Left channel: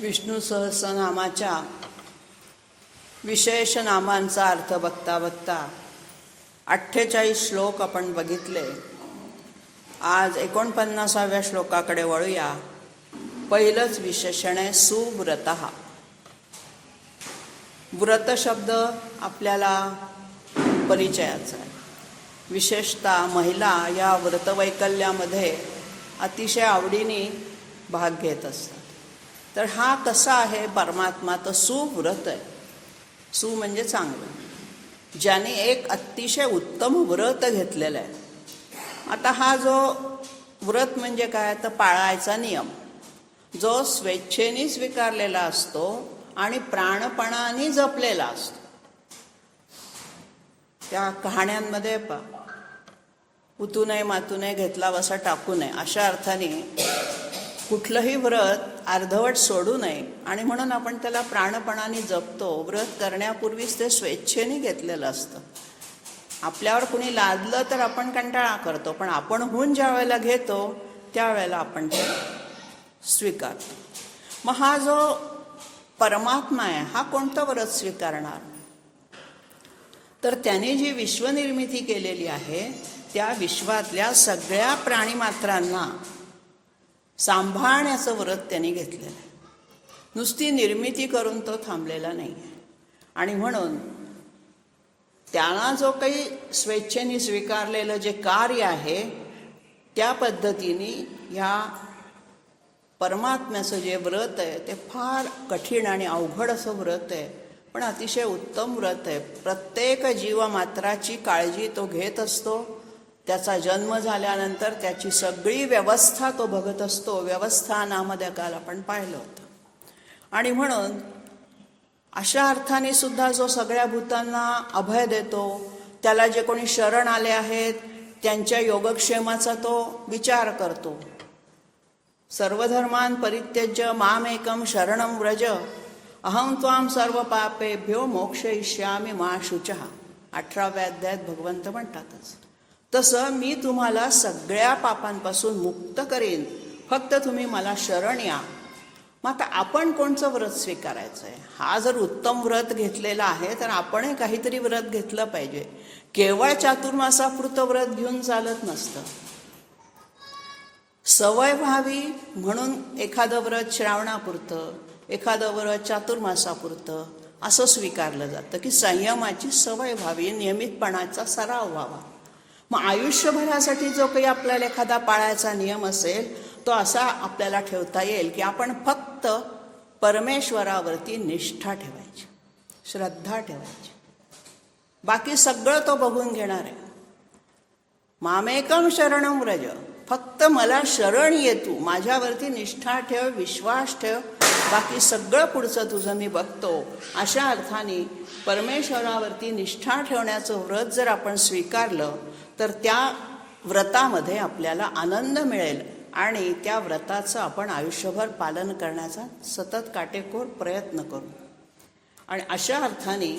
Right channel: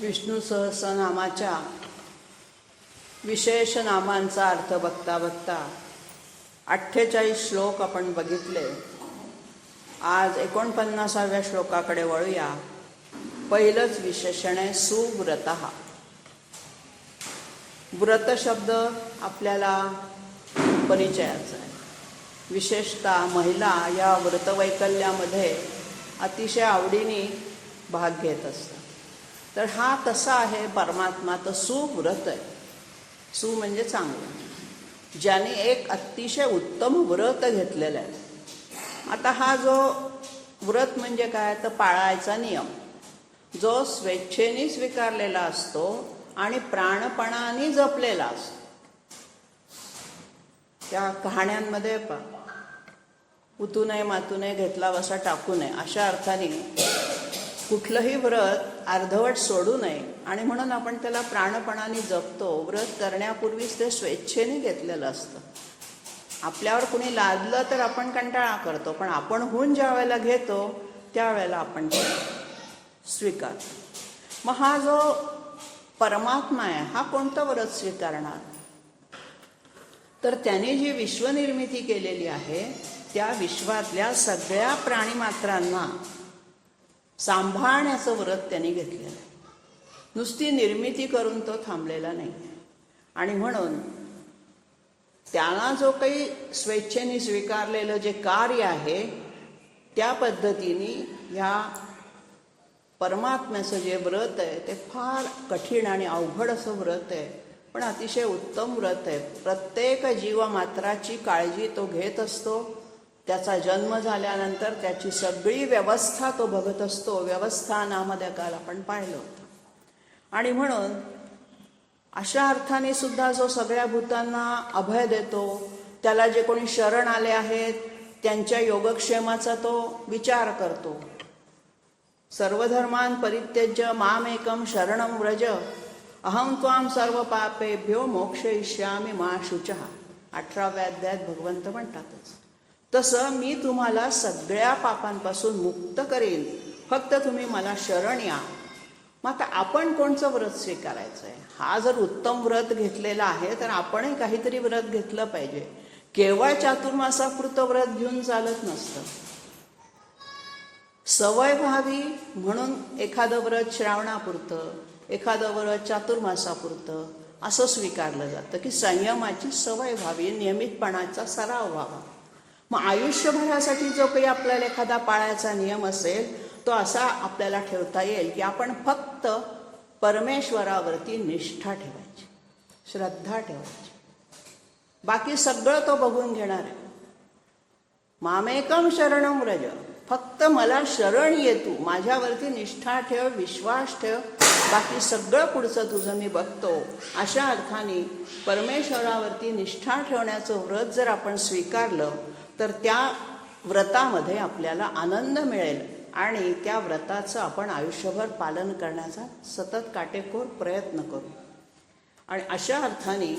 विष्णू सहस्रनामाच्या विशेष नामांचा अर्थ बघता बघता 48 श्लोक आपण बघितले. आज 49व्या श्लोकाकडे वळूया. पहिलंच विशेषण आहे सुव्रतः. व्रत शब्द आपल्याला परिचयाचा आहे. विशेषतः महिला या व्रतवैकल्यामध्ये अतिशय आवडीने भाग घेत असतात. तर हा कसा आहे परमात्मा? तर सुव्रत आहे. सु म्हणजे चांगलं, ज्याने एक अतिशय उत्तम व्रत घेतलेलं आहे. आता हा जो व्रत म्हणजे काय, तर पाळायचा नियम जो स्वेच्छेने स्वीकारलेला असतो आणि प्राणपणाने जपलेला असतो. त्या कहाण्यांमध्ये उतू नये मातू नये घेतला वसा टाकू नये अशा अर्थाने कुठलंही व्रत अर्धवट सोडू नये आणि म्हणून आपण त्याला प्राणपणाने जपतो. व्रत करण्यापूर्वीच ते स्वेच्छेने घेतलेलं असतं. आपल्यावर कुणी लादलं तर आपण कंटाळा करतो, पण आपण होऊन ज्या वेळेला घेतो त्यावेळेला आपण ते स्वीकारतो. मग हा जो परमात्मा आहे हा कोणतं व्रत स्वीकारणार? तर त्याने जी विश्वनिर्मिती केलेली आहे त्या विश्वातल्या सगळ्या प्राणीमात्रांना सांभाळण्याचं व्रत त्यांनी घेतलेलं आहे. नुसती निर्मिती करून तो थांबलेला नाही आहे. आणि म्हणून त्याला जो काही स्वेच्छेने स्वीकारलेलं जे कार्य आहे त्या पद्धतीने ह्या परमात्म्याचं जे व्रत आहे ते फार कठीण आणि अवघड असं व्रत आहे, पण अतिशय उत्तम व्रत आहे. प्रत्येक जीवमात्राची काळजी तो घेत असतो. त्याचा जन्म झाल्यानंतर त्याची सगळी व्यवस्था तो बघत असतो. व्यवस्था नावामध्ये काल आपण पाहिलं होतं. आणि म्हणून अशा अर्थाने सुद्धा जो सगळ्या भूतांना अभय देतो, त्याला जे कोणी शरण आले आहेत त्यांच्या योगक्षेमाचा तो विचार करतो. सर्वधर्मान परित्यज्य मामेकं शरणं व्रज अहं त्वां सर्व पापेभ्यो मोक्षयिष्यामि मा शुचः. 18व्या अध्यायात भगवंत म्हणतातच तसं मी तुम्हाला सगळ्या पापांपासून मुक्त करेन, फक्त तुम्ही मला शरण या. मग आता आपण कोणचं व्रत स्वीकारायचं आहे? हा जर उत्तम व्रत घेतलेला आहे तर आपणही काहीतरी व्रत घेतलं पाहिजे. केवळ चातुर्मासापुरतं व्रत घेऊन चालत नसतं. सवय व्हावी म्हणून एखादं व्रत श्रावणापुरतं, एखादं व्रत चातुर्मासापुरतं असं स्वीकारलं जातं की संयमाची सवय व्हावी, नियमितपणाचा सराव व्हावा. मग आयुष्यभरासाठी जो काही आपल्याला एखादा पाळायचा नियम असेल तो असा आपल्याला ठेवता येईल की आपण फक्त परमेश्वरावरती निष्ठा ठेवायची, श्रद्धा ठेवायची. बाकी सगळं तो बघून घेणार आहे. मामेकं शरणं व्रज, फक्त मला शरण ये तू, माझ्यावरती निष्ठा ठेव, विश्वास ठेव, बाकी सगळं पुढचं तुझं मी बघतो. अशा अर्थाने परमेश्वरावरती निष्ठा ठेवण्याचं व्रत जर आपण स्वीकारलं तर त्या व्रतामध्ये आपल्याला आनंद मिळेल आणि त्या व्रताचं आपण आयुष्यभर पालन करण्याचा सतत काटेकोर प्रयत्न करू. आणि अशा अर्थाने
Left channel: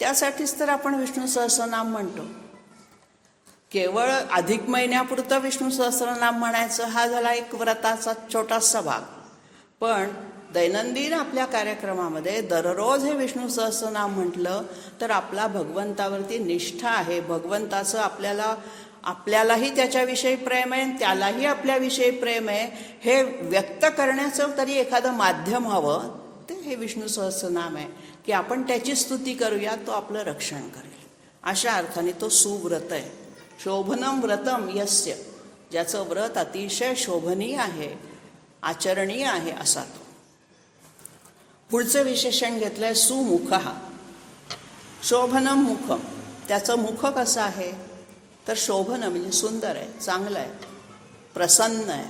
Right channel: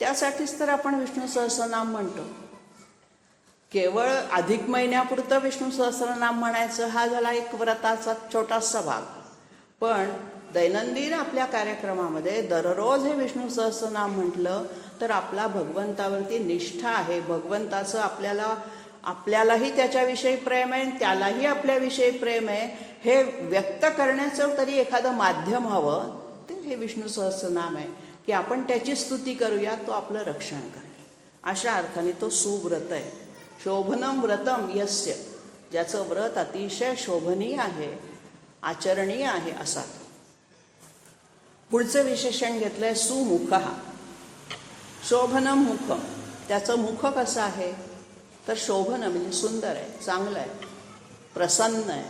त्यासाठीच तर आपण विष्णू सहस्रनाम म्हणतो. केवळ अधिक महिन्यापुरतं विष्णू सहस्रनाम म्हणायचं हा झाला एक व्रताचा छोटासा भाग. पण दैनंदिन आपल्या कार्यक्रमामध्ये दररोज हे विष्णू सहस्रनाम म्हटलं तर आपला भगवंतावरती निष्ठा आहे. भगवंताचं आपल्यालाही त्याच्याविषयी प्रेम आहे, त्यालाही आपल्याविषयी प्रेम आहे, हे व्यक्त करण्याचं तरी एखादं माध्यम हवं. ते हे विष्णू सहस्रनाम आहे की आपण त्याची स्तुती करूया, तो आपलं रक्षण करेल. अशा अर्थाने तो सुव्रत आहे. शोभनं व्रतम यस्य, ज्याचं व्रत अतिशय शोभनीय आहे, आचरणीय आहे असा. पुढचं विशेषण घेतलंय सुमुखः. शोभनं मुख, त्याचं मुख कसं आहे तर शोभन म्हणजे सुंदर आहे, चांगलं आहे, प्रसन्न आहे.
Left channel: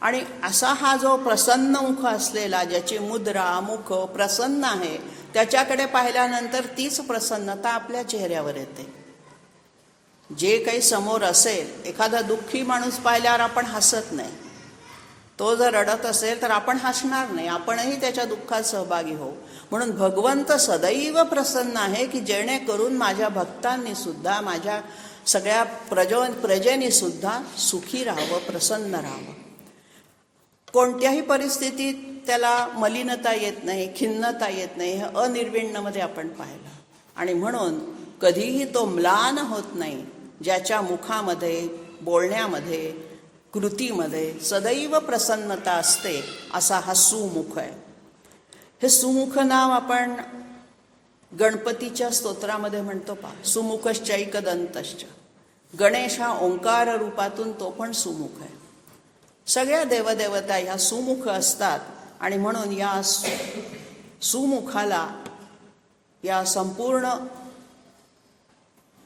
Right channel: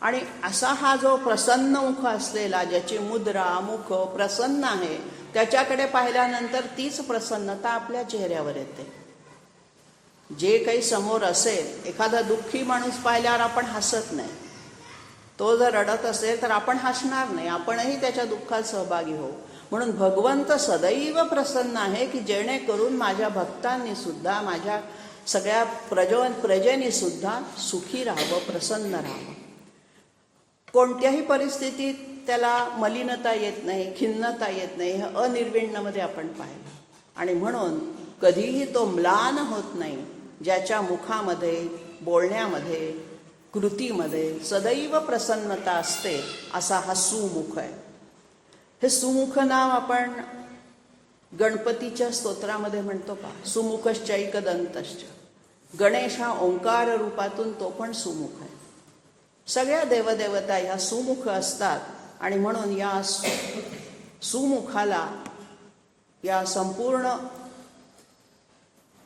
आणि असा हा जो प्रसन्न मुख असलेला, ज्याची मुद्रा मुख प्रसन्न आहे, त्याच्याकडे पाहिल्यानंतर तीच प्रसन्नता आपल्या चेहऱ्यावर येते. जे काही समोर असेल, एखादा दुःखी माणूस पाहिल्यावर आपण हसत नाही. तो जर रडत असेल तर आपण हसणार नाही, आपणही त्याच्या दुःखात सहभागी होऊ. म्हणून भगवंत सदैव प्रसन्न आहे की जेणेकरून माझ्या भक्तांनी सुद्धा, माझ्या सगळ्या प्रजेनी सुद्धा सुखी राहावं, प्रसन्न राहावं. कोणत्याही परिस्थितीत त्याला मलिनता येत नाही, खिन्नता येत नाही. हे अनिर्विण्णमध्ये आपण पाहिलं. आणि म्हणून कधीही तो म्लान होत नाही, ज्याच्या मुखामध्ये, बोलण्यामध्ये, कृतीमध्ये सदैव प्रसन्नता असते, असा हा सुमुख आहे. हे सुमुख नाव आपण गणपतीच्या स्तोत्रामध्ये म्हणतो पहा, सुमुखश्चैकदंतश्च. गणेश हा ओंकार रूपातून तो पण सुमुख आहे. सगळ्या देवदेवता ह्या सुमुख असतात. आणि म्हणून या सुमुखाला या संपूर्ण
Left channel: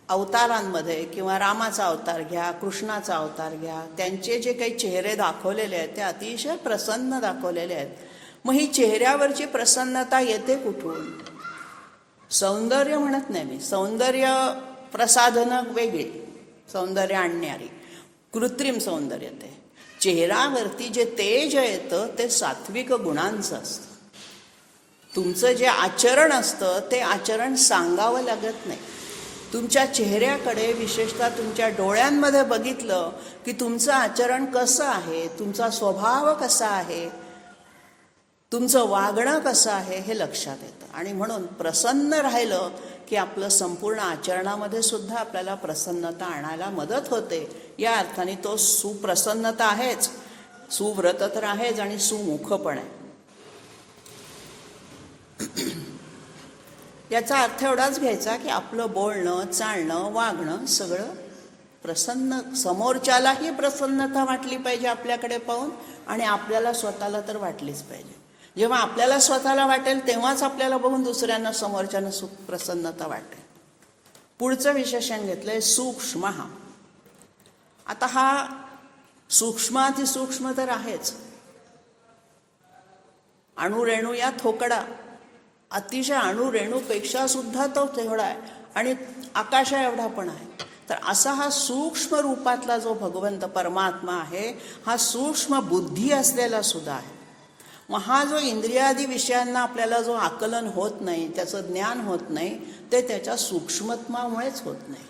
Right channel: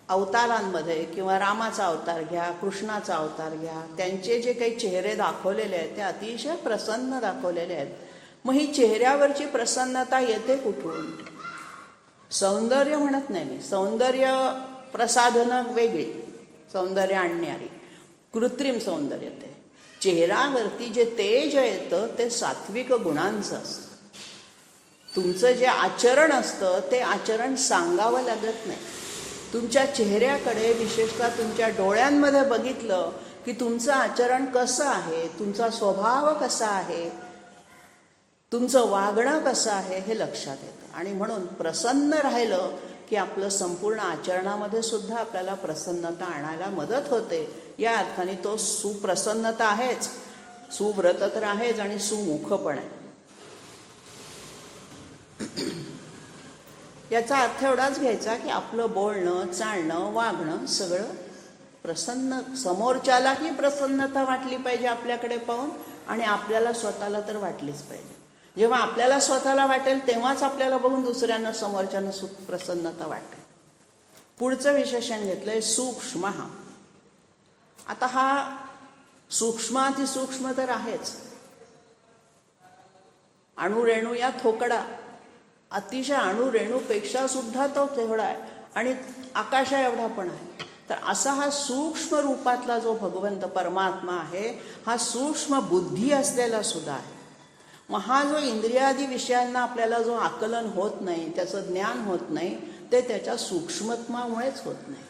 अवतारांमध्ये, किंवा रामाचा अवतार घ्या, कृष्णाचा अवतार घ्या, त्यांचे जे काही चेहरे दाखवलेले आहेत ते अतिशय प्रसन्न दाखवलेले आहेत. मग ही चेहऱ्यावरची प्रसन्नता येते कुठून? सौंदर्य म्हणत नाही मी, सौंदर्य प्रसाधनं वेगळी, सौंदर्य आणणारी कृत्रिम सौंदर्य. ते चेहऱ्यावरती जे तेज येतं ते सात्विक गुणांचं असतं. तुमचं जे आचरण असतं ते आचरण सांगावं लागत नाही. तुमच्या चेहऱ्याकडे, विशेषतः तुमच्या डोळ्यांमध्ये बघितलं की तुमचं आचरण कसं आहे, तुमचा स्वभाव कसा आहे, तुमचं वागणं कसं आहे, हे लक्षात येतं. आणि म्हणून प्रसन्न राहिलं की आपलं संपूर्ण आचरणामध्ये सुद्धा आपल्याला प्रसन्नता आणायला मदत होते. या अर्थाने तो सुप्रसन्नता आहेच, सुव्रत तर आहेच आणि सुमुख पण आहे. याचा अर्थ एवढाच घ्यायचा की आपलं बोलणं, चालणं, वागणं सगळं प्रसन्न, समोरच्यालाही प्रसन्नता वाटली पाहिजे आपल्याकडे पाहून, आणि आपल्याला स्वतःला तर वाटलीच पाहिजे. जेव्हा आपल्याला स्वतःला वाटेल तेव्हाच आपल्याला बघून दुसऱ्यांना, समोरच्यांना सुख, प्रसन्नता वाटेल. पुढचं विशेषण घेतलंय सूक्ष्म. आता हा सूक्ष्मातिसूक्ष्म तर आहेच. अणुरेणू या थोकडा, अतिशय अणुरेणूपेक्षा सुद्धा तो तेवढा आहे, आणि आकाशा एवढा पण आहे. तर असा हा सूक्ष्म रूपातला जो भगवंत परमात्मा आहे, हा सूक्ष्म बुद्धी असलेला सुद्धा आहे. मग हा जो इंद्रियादी विषयांना आपल्याला जो आकलन होत नाही, त्याचं ज्ञान होत नाही, ते त्याच्या सूक्ष्मत्वामुळेच होत नाही.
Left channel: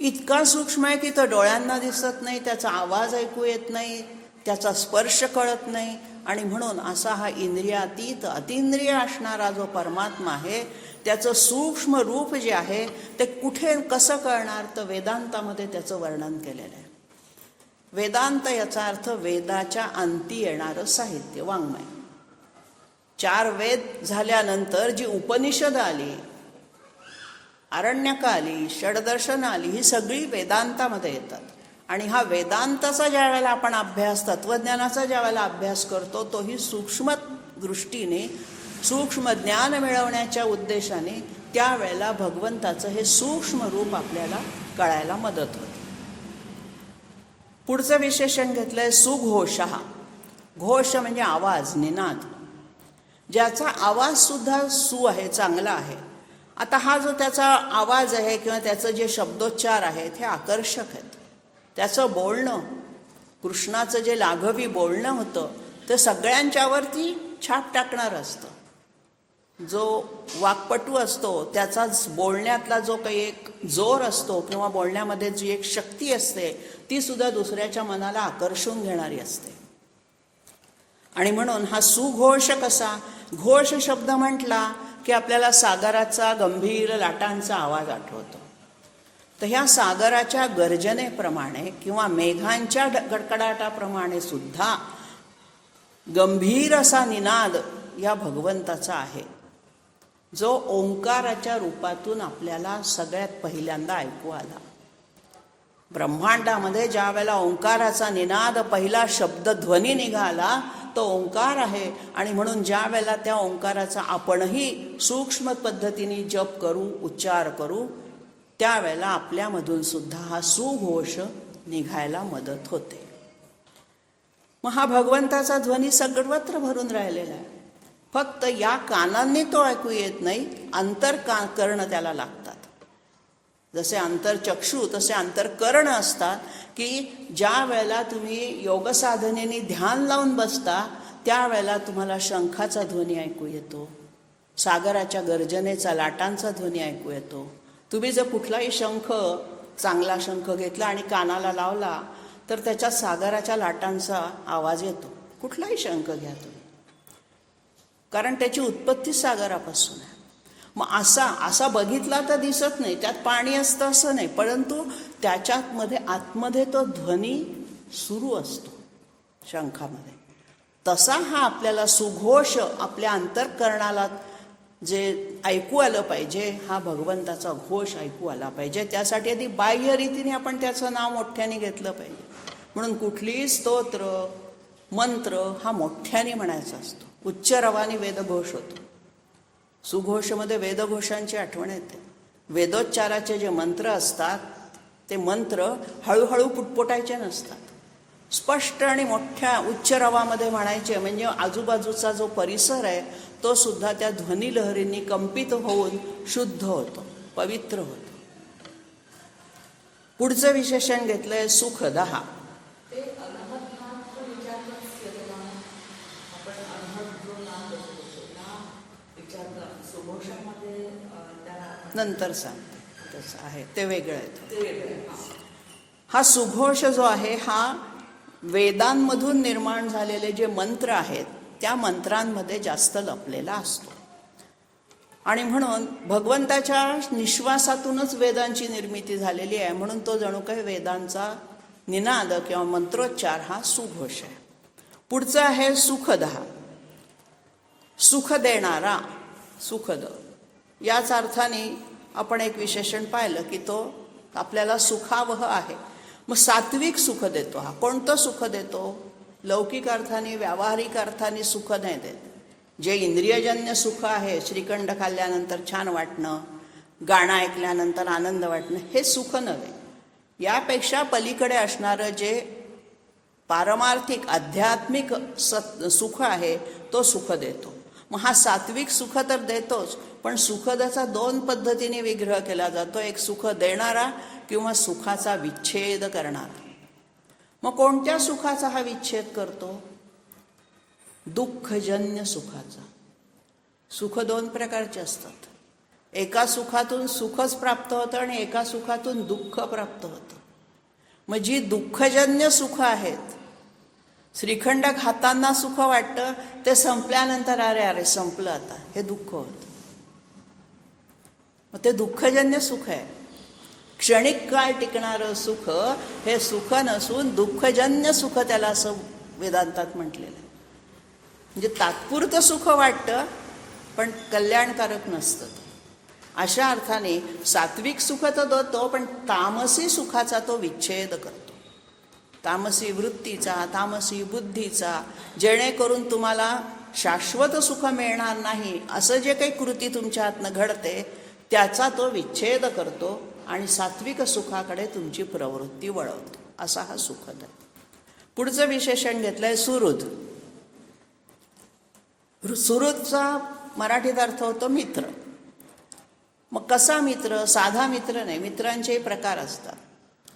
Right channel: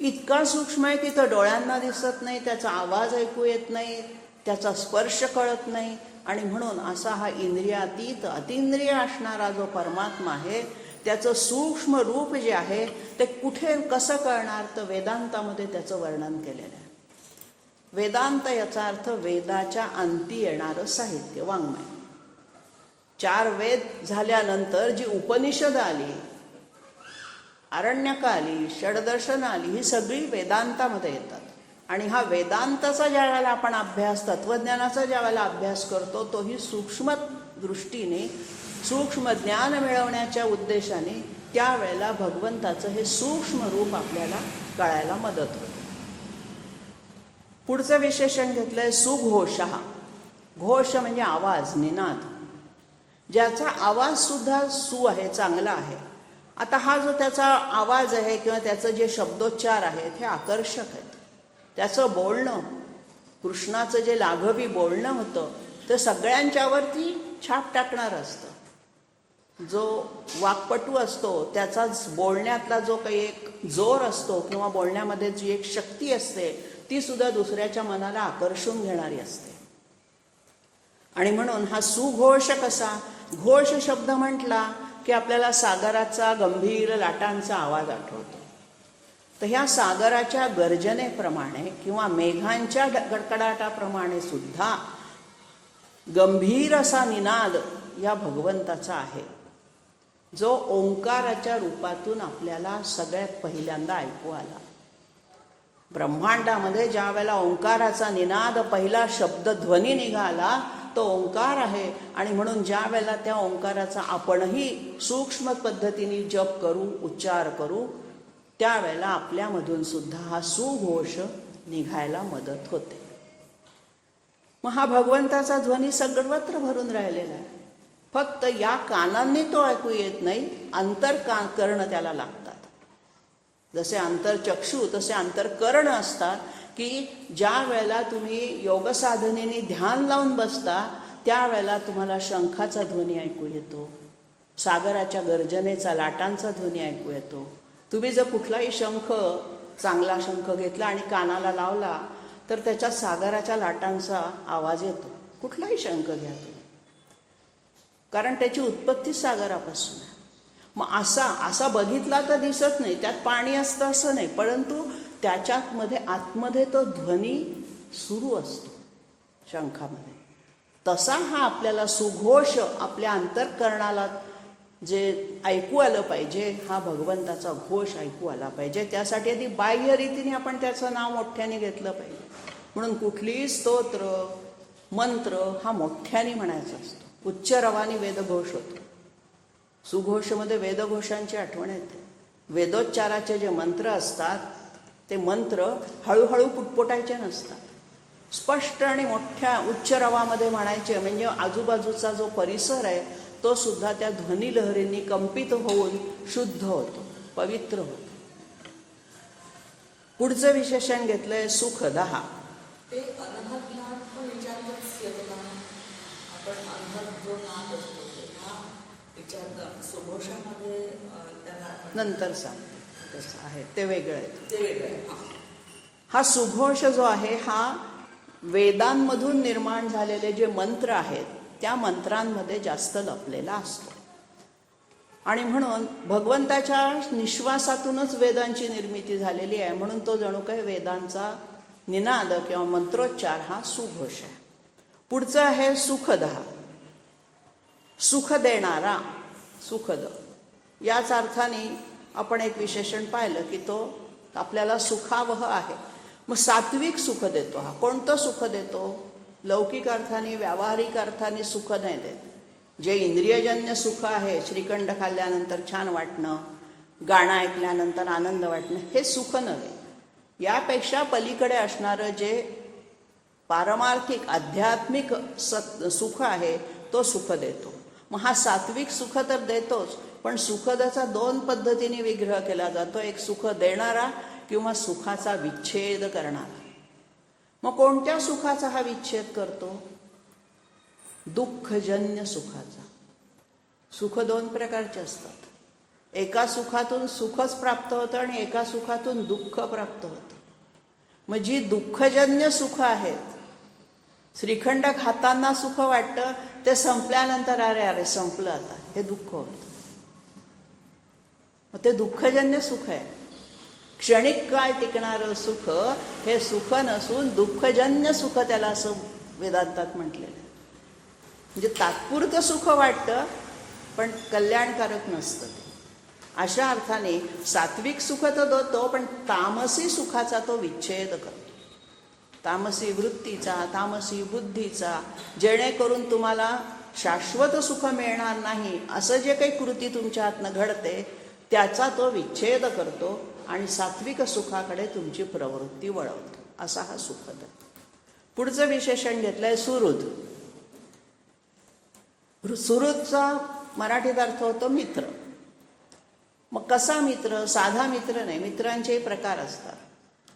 इतका सूक्ष्म आहे की तो डोळ्यांना दिसत नाही, त्याचा आवाज ऐकू येत नाही, त्याचा स्पर्श कळत नाही. आणि म्हणून असा हा इंद्रियातीत, अतिंद्रिय असणारा जो परमात्मा आहे, त्याचं सूक्ष्म रूप जे आहे ते कुठे कसं कळणार, तर वेदांतामध्ये त्याचं वर्णन केलेलं आहे. वेदांत याचा अर्थ वेदाच्या अंती येणारं साहित्य, वाङ्मय. 4 वेद झाल्यानंतर जी उपनिषद आली, आरण्यक आली, षडदर्शन आली, ही सगळी वेदांतामध्ये येतात. आणि हा वेदांताचा ज्या वेळेला आपण अभ्यास, तत्वज्ञानाचा ज्या वेळेला अभ्यास करतो, तोही सूक्ष्म दृष्टीने, सूक्ष्म ज्ञान मिळवण्याच्या उद्देशाने त्यावेळेला भगवंताचं हे सूक्ष्म रूप आपल्याला कळायला मदत होते. पुढचं विशेषण घेतलंय सुघोष. घोष म्हणजे आवाज, निनाद, ज्याचा आवाज सुद्धा सु आहे, चांगला आहे. आता हा जो त्याचा आवाज आहे किंवा त्याचं जे शब्दोच्चार आहेत हे आकर्षक आहेत. त्याचं बोलणं, कृष्णाचं जे लाघवी बोलणं होतं ते सगळ्यांच्यावरती छाप टाकणारं असतं. जो वाक्पटू असतो त्याचाच बोलण्यातला जो काही एक जोर असतो किंवा बोलण्यामध्ये जी एक शक्ती असते ती सुद्धा दुसऱ्याच्या मनाला आकर्षून घेणारी असते. आणि म्हणून हा सुघोष कसा, घोष शब्द म्हटला की आपल्याला सागराचा गंभीर लाटांचा आवाज आठवतो. तर ह्या सागराच्या गर्जनेप्रमाणे किंवा मेघांच्या गडगडाटाप्रमाणे सुद्धा गंभीर असा निनाद या भगवंताचा आहे, जो ओंकाराच्या रूपातून आपल्याला सगळ्यात पहिल्यांदा ऐकू आला. ब्रह्मांडामध्ये ज्या वेळेला ओंकाराचा निनाद, पहिला शब्द ध्वनी निघाला, तो ओंकार आहे. आणि म्हणून ज्या वेळेला त्या ओंकाराचा आपणही सूक्ष्म पद्धतीने जप करू, उच्चार करू, त्यावेळेला आपल्यामधून सुद्धा हा सुघोष निघायला मदत होते. मग हा भगवंताचा ध्वनी सर्वत्र भरून राहिलेला आहे. फक्त या कानांनी तो ऐकू येत नाही, अंतर्कर्ण त्याला लागतात. जसे अंतर्चक्षु तसे अंतर्कर्ण असतात की ज्या वेळेला तुम्ही योगसाधनेने ध्यान लावून बसता त्यावेळेला तुम्हाला शंखाचा ध्वनी ऐकू येतो, सागराच्या गर्जनेचा, लाटांचा ध्वनी ऐकू येतो. तुम्ही जर कुठलाही शंख, चांगला शंख घेतला आणि कानाला लावला तर त्याच्या सागराच्या लाटांचा आवाज येतो. कुठलाही शंख घ्या तुम्ही, कारण त्याची उत्पत्ती सागरापासून आहे. मग असा बघितला तर दिसत नाही, त्यात पाणी असतं असं नाही, परंतु त्याच्यामध्ये आतमध्ये तो ध्वनी सुरू असतो शंखामध्ये. तसा हा आपल्याला सुघोष आपल्या अंतःकरणाला जे ऐकू आलं पाहिजे, हा भगवंताचा घोष ऐकू आला पाहिजे. त्यासाठी आधी बाह्य रीतीने आपण त्याचं नाव मोठ्याने घेतलं पाहिजे. म्हणून कुठलीही स्तोत्र मंत्र हा मोठ्याने म्हणायचा असतो. उच्च रवाने वेदघोष होतो. सुघोषमध्ये वेदघोषांची आठवण येते. वेदोच्चाराचे जे मंत्र असतात ते मंत्र हळूहळू पुटपुटायचे नसतात, स्पष्ट आणि मोठ्या उच्च रवामध्ये म्हणायचे. म्हणजे आजूबाजूचा जो परिसर आहे तो सुद्धा त्या ध्वनिलहरींनी कंपित होऊन शुद्ध होतो, पवित्र होतो. पुढचं विशेषण घेतलंय सुखदहा. नंतर सांगतो तसं आहे, ते वेगळं आहे. हा सुघोष जो आहे हा वेदांमधून निर्माण झालेले जे मंत्र आहेत त्या मंत्रांमध्ये जास्त लपलेला असतो. आणि म्हणून भगवंताच्या निश्वासातूनच वेदांची निर्मिती झालेली आहे. म्हणून तो जणू काही वेदांचा निनाद किंवा मंत्रोच्चार हा सुघोष आहे. पुढचं आहे सुखदहा. सुख देणारा, सुखद याच अर्थाने आपण एक विशेषण पाहिलं की तो आपल्याला सुखावह आहे. मग सात्विक सुख देतो हा. कोणतं सुख देतो? लौकिक अर्थाने व्यावहारिक अर्थाने सुख नाही देत. जे इंद्रियजन्य सुख आहे, श्रीखंड खाल्ल्यानंतर छान वाटणं, गाणं ऐकल्यानंतर आनंद वाटणं, हे सुख नव्हे. यापेक्षा पलीकडे असणारं जे पारमार्थिक आध्यात्मिक सुख आहे तो सुख देतो. मग हा सात्विक सुख तर देतोच, पण सुखदाचा दोन पद्धतीने विग्रह केला जातो. एक सुख देणारा किंवा सुखाचा विच्छेद करणारा. मग कोणत्या सुखाचा हा विच्छेद करतो? दुःखजन्य सुखाचा. सुख दोन प्रकारचे असतात. एका सुखातून सुखच प्राप्त होतं आणि एका सुखातून दुःख प्राप्त होतं. मग जी दुःखजन्य सुख आहेत, श्रीखंड खाताना सुख वाटतं, ते संपल्यानंतर अरे संपलं आता, हे दुःख होतं. मग ते दुःखजन्य सुख आहे. क्षणिक काळ टिकणारं सुख हे सुख नसून दुःखजन्य सुख त्याला असं वेदांतात म्हटलेलं आहे. म्हणजे तात्पुरतं सुख वाटतं पण कल्याणकारक नसतं. अशा अर्थाने सात्विक सुख तर देतो, पण तामसी सुखाचा तो विच्छेद करतो. तामसी वृत्तीचा, तामसी बुद्धीचा, जेणेकरून तुम्हाला शाश्वत सुख मिळणार नाही असं जे काही कृती तुमच्या हातनं घडते त्याचा तो विच्छेद करतो आणि सात्विक सुखाकडे तुमची प्रवृत्ती वळवतो. असा हा सुखद. पुढचं विशेषण घेतलंय सुहृद. सुहृदचा मराठीत अर्थ होतो मित्र. मग कसा मित्र? साधा मित्र नाही, मित्रांचेही प्रकार असतात.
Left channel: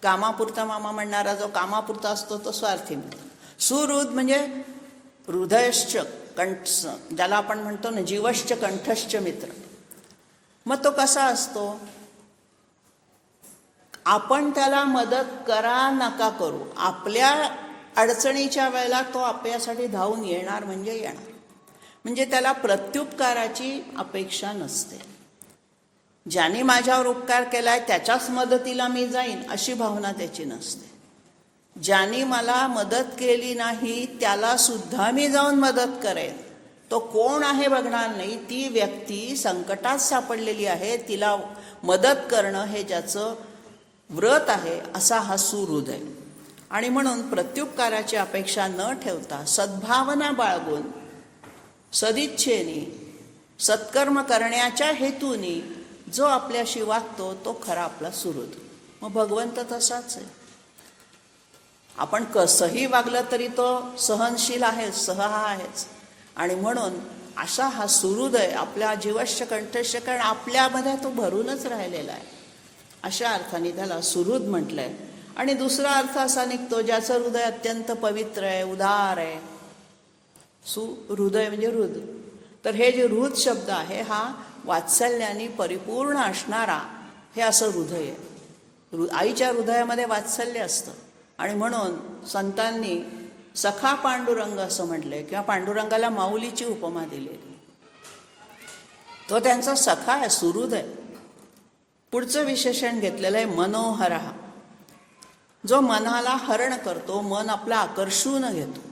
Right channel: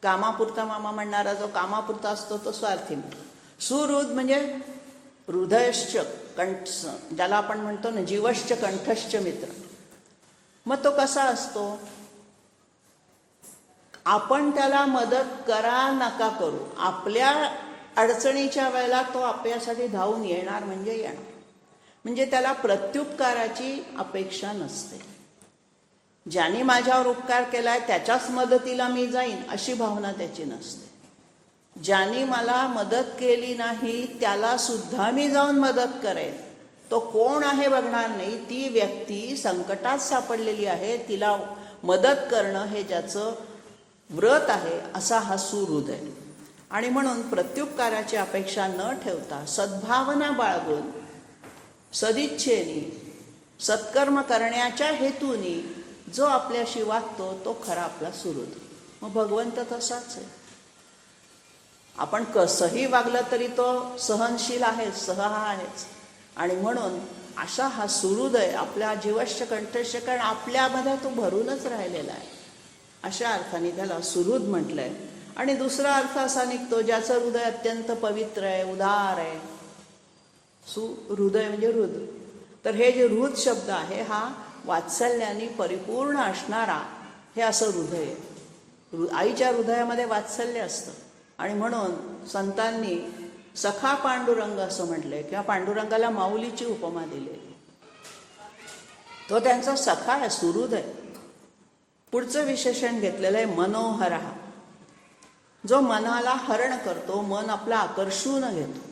कामापुरता मामा म्हणणारा जो कामापुरता असतो तो स्वार्थी मित्र. सुहृद म्हणजे हृदयश्च कंठ, ज्याला आपण म्हणतो ना जीवश्च कंठश्च मित्र. मग तो कसा असतो? आपण त्याला मदत करा नका करू, आपल्या अडचणीच्या वेळेला तो आपल्यासाठी धावून येणार म्हणजे येणार. म्हणजे त्याला प्रत्युपकाराची अपेक्षा नसते. ज्याने माझ्यावर उपकार केलाय त्याच्याच मदतीला मी जाईन अशी भावना त्याची नसते. ज्याने मला मदत केली नाही त्याला सुद्धा मी जाऊन मदत करेन. तो कोण आहे बघणार नाही. ती व्यक्ती संकटात सापडलेली आहे, तिला मदत करणं हे ज्याचं व्रत आहे, असा हा सुहृद आहे. आणि म्हणून प्रत्युपकाराची अपेक्षा न ठेवता सद्भावना बाळगून सदिच्छेने सत्कर्म करण्याच्या हेतूने जो आपल्याशी वागतो तो खरा आपला सुहृद. मग भगवंत तसाच आहे. आपण कसंही वागलं तरी तो सहनशील आहे, सहा आहेच. आणि म्हणून असा हा सुहृद आहे, आपल्या जीवश्च कंठश्च, कारण आपल्यामध्ये तो भरूनच राहिलेला आहे. अशा अर्थाने त्याला सुहृद म्हटलंय. आणि दुसरा अर्थ असा निघतो ज्याचं हृदय अत्यंत पवित्र आहे, उदार आहे. सुहृदय म्हणजे हृद. तर हे जे हृद शब्द आहे हा वात्सल्याने परिपूर्ण असणारा हे असं हृदय आहे. आईच्या हृदयामध्ये वात्सल्य असतं. आणि म्हणून संतांनी सखा पांडुरंग असं म्हटलंय किंवा पांडुरंगाला माऊलीची उपमा दिलेली. तो त्यांचा सखा आहे, सुहृद आहे. पुढचं विशेषण घेतलेलं आहे मनोहरा. जो मनाला हरण करतो, मन आपला आकर्षून घेतो.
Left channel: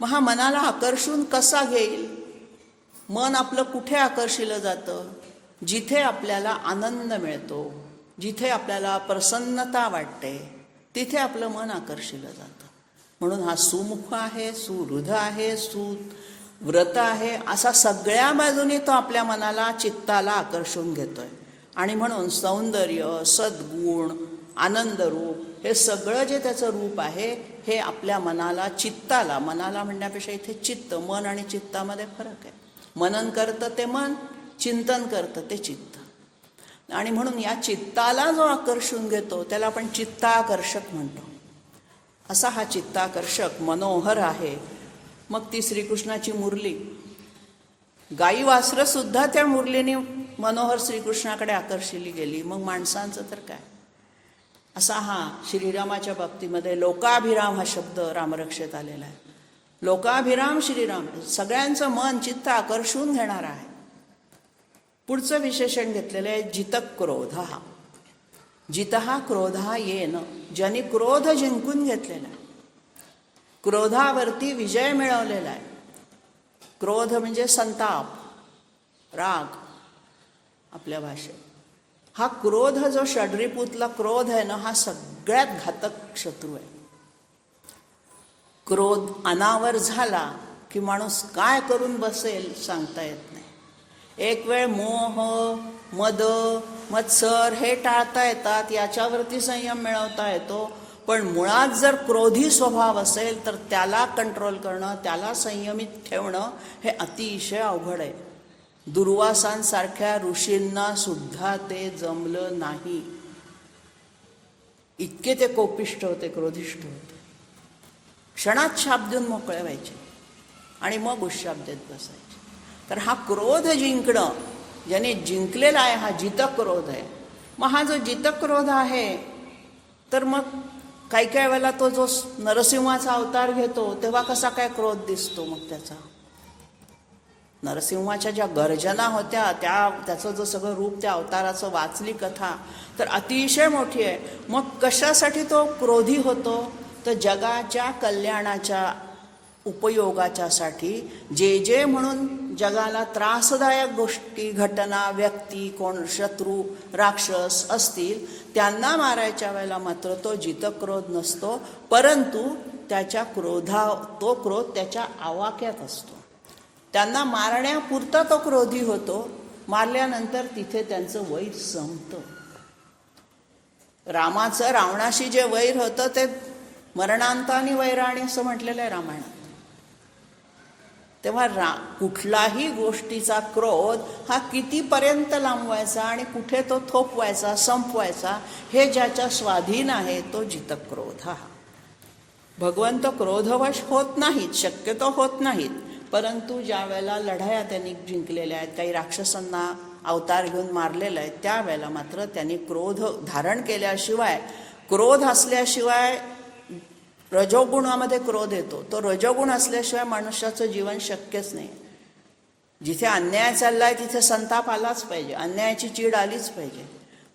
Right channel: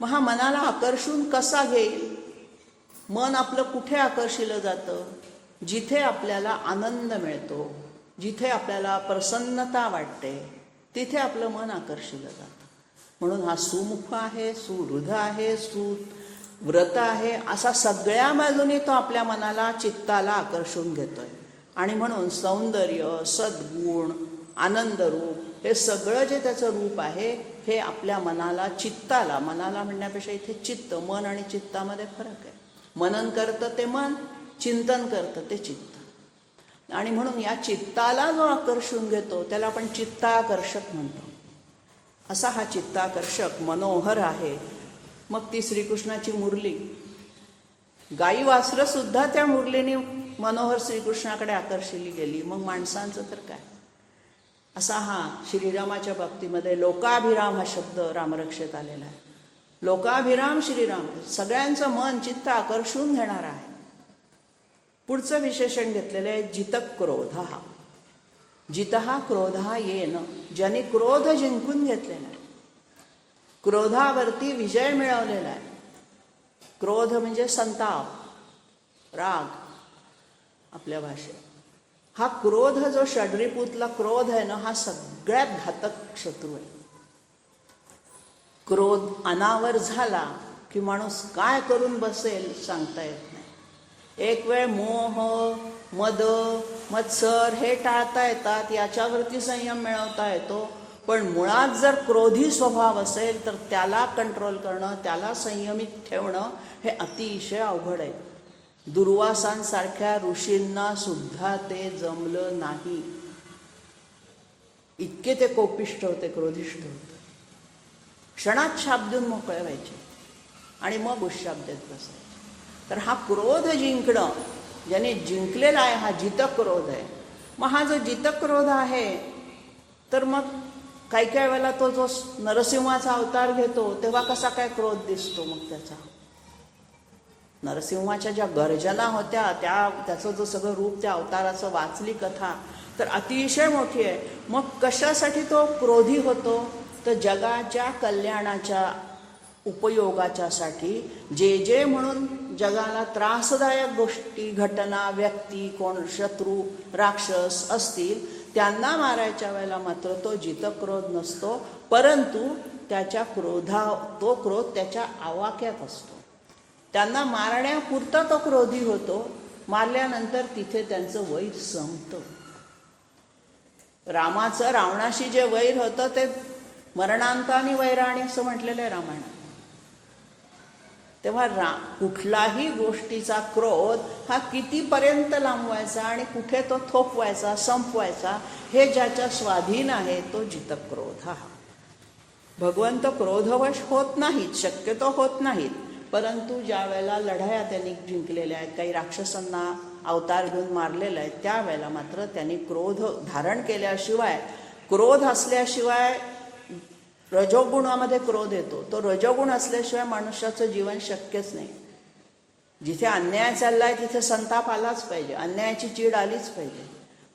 मग हा मनाला आकर्षून कसा घेईल? मन आपलं कुठे आकर्षिलं जातं? जिथे आपल्याला आनंद मिळतो, जिथे आपल्याला प्रसन्नता वाटते, तिथे आपलं मन आकर्षिलं जातं. म्हणून हा सुमुख आहे, सुहृद आहे, सुव्रत आहे, असा सगळ्या बाजूनी तो आपल्या मनाला, चित्ताला आकर्षून घेतोय. आणि म्हणून सौंदर्य, सद्गुण, आनंदरूप हे सगळं जे त्याचं रूप आहे, हे आपल्या मनाला, चित्ताला, मनाला म्हणण्यापेक्षा इथे चित्त, मन आणि चित्तामध्ये फरक आहे. मनन करतं ते मन, चिंतन करतं ते चित्त. आणि म्हणून या चित्ताला जो आकर्षून घेतो त्याला आपण चित्ताकर्षक म्हणतो. असा हा चित्ताकर्षक मनोहर आहे. मग ती श्रीकृष्णाची मुरली, गाई वासरं सुद्धा त्या मुरलीने मनोहर श्रीकृष्णाकडे आकर्षिली गेली. मग माणसांचं तर काय? असा हा श्रीरामाच्या बाबतीमध्ये लोकाभिराम हा शब्द रामरक्षेत आलेला आहे. लोकाभिराम श्रीराम, सगळ्यांचं मन चित्त आकर्षून घेणारा आहे. पुढचं विशेषण घेतलेलं आहे जितक्रोध. जितहा क्रोधा येन, ज्याने क्रोध जिंकून घेतलेला आहे, क्रोधावरती विजय मिळवलेला आहे. क्रोध म्हणजे संताप, राग आपल्या भाषेत. हा क्रोध जो षड्रिपूतला क्रोध आहे ना, हा सगळ्यात घातक शत्रू आहे. क्रोध अनावर झाला की माणूस काय करून बसेल सांगता येत नाही. एक वेळ मोह, मद, मत्सर हे टाळता येतात, याच्यावरती संयम मिळवता येतो. पण मुळात जर क्रोधी स्वभाव असेल तर त्याला कंट्रोल करणं, त्याला संयमित ठेवणं हे अतिशय अवघड आहे. दुर्वासांसारख्या ऋषींना सुद्धा ते जमलं नाही. इतके ते कोपिष्ठ होते, क्रोधिष्ठ होते. क्षणात शाप देऊन मोकळे व्हायचे आणि मग उशाप देत बसायचे. तर हा क्रोध जिंकणं, ज्याने जिंकलेला आहे, हा जितक्रोध आहे. मग हा जो जितक्रोध आहे, तर मग काही काही वेळेला तो जो नरसिंहाचा अवतार घेतो तेव्हा कसा काय क्रोध दिसतो? मग त्याचा नरसिंहाच्या ज्या गर्जना होत्या, त्याचं जो सगळं रूप, त्या अवताराचं वाचली कथा तर अतिशय मोठी आहे. मग कशासाठी तो क्रोधी होतो? तर जगाच्या कल्याणाच्या उपयोगाच्यासाठी जे जे म्हणून जगाला त्रासदायक गोष्टी, घटना, व्यक्ती, कोण शत्रू, राक्षस असतील त्यांना मारायच्या वेळेला मात्र तो जितक्रोध नसतो, परंतु त्याच्या तो क्रोध त्याच्या आवाक्यात असतो. त्यांना मारण्यापुरता तो क्रोधी होतो. मारल्यानंतर तिथे त्यांचं वैर संपतं. रामाचं रावणाशी जे वैर होतं ते मरणांतानी वैराणी असं म्हटलेलं आहे रामायणात. तेव्हा कुठलाही गोष्टीचा क्रोध हा कितीपर्यंत लांबवायचा आणि कुठे तो थोपवायचा, संपवायचा, हे ज्याच्या स्वाधीन आहे तो जितक्रोध. भगवंत क्रोधवश होत नाहीत, शक्यतो होत नाहीत. परंतु ज्या वेळेला लढाया त्यांनी जिंकलेल्या आहेत, काही राक्षसांना अवतार घेऊन मारलेला आहे, त्यावेळेला मात्र त्यांनी क्रोध धारण केल्याशिवाय, क्रोध असल्याशिवाय, रजोगुणामध्ये क्रोध येतो, तो रजोगुण असल्याशिवाय मनुष्याचं जीवन शक्यच नाही. जिथे अन्याय चाललाय तिथे संताप आलाच पाहिजे, अन्यायाची चीड आलीच पाहिजे.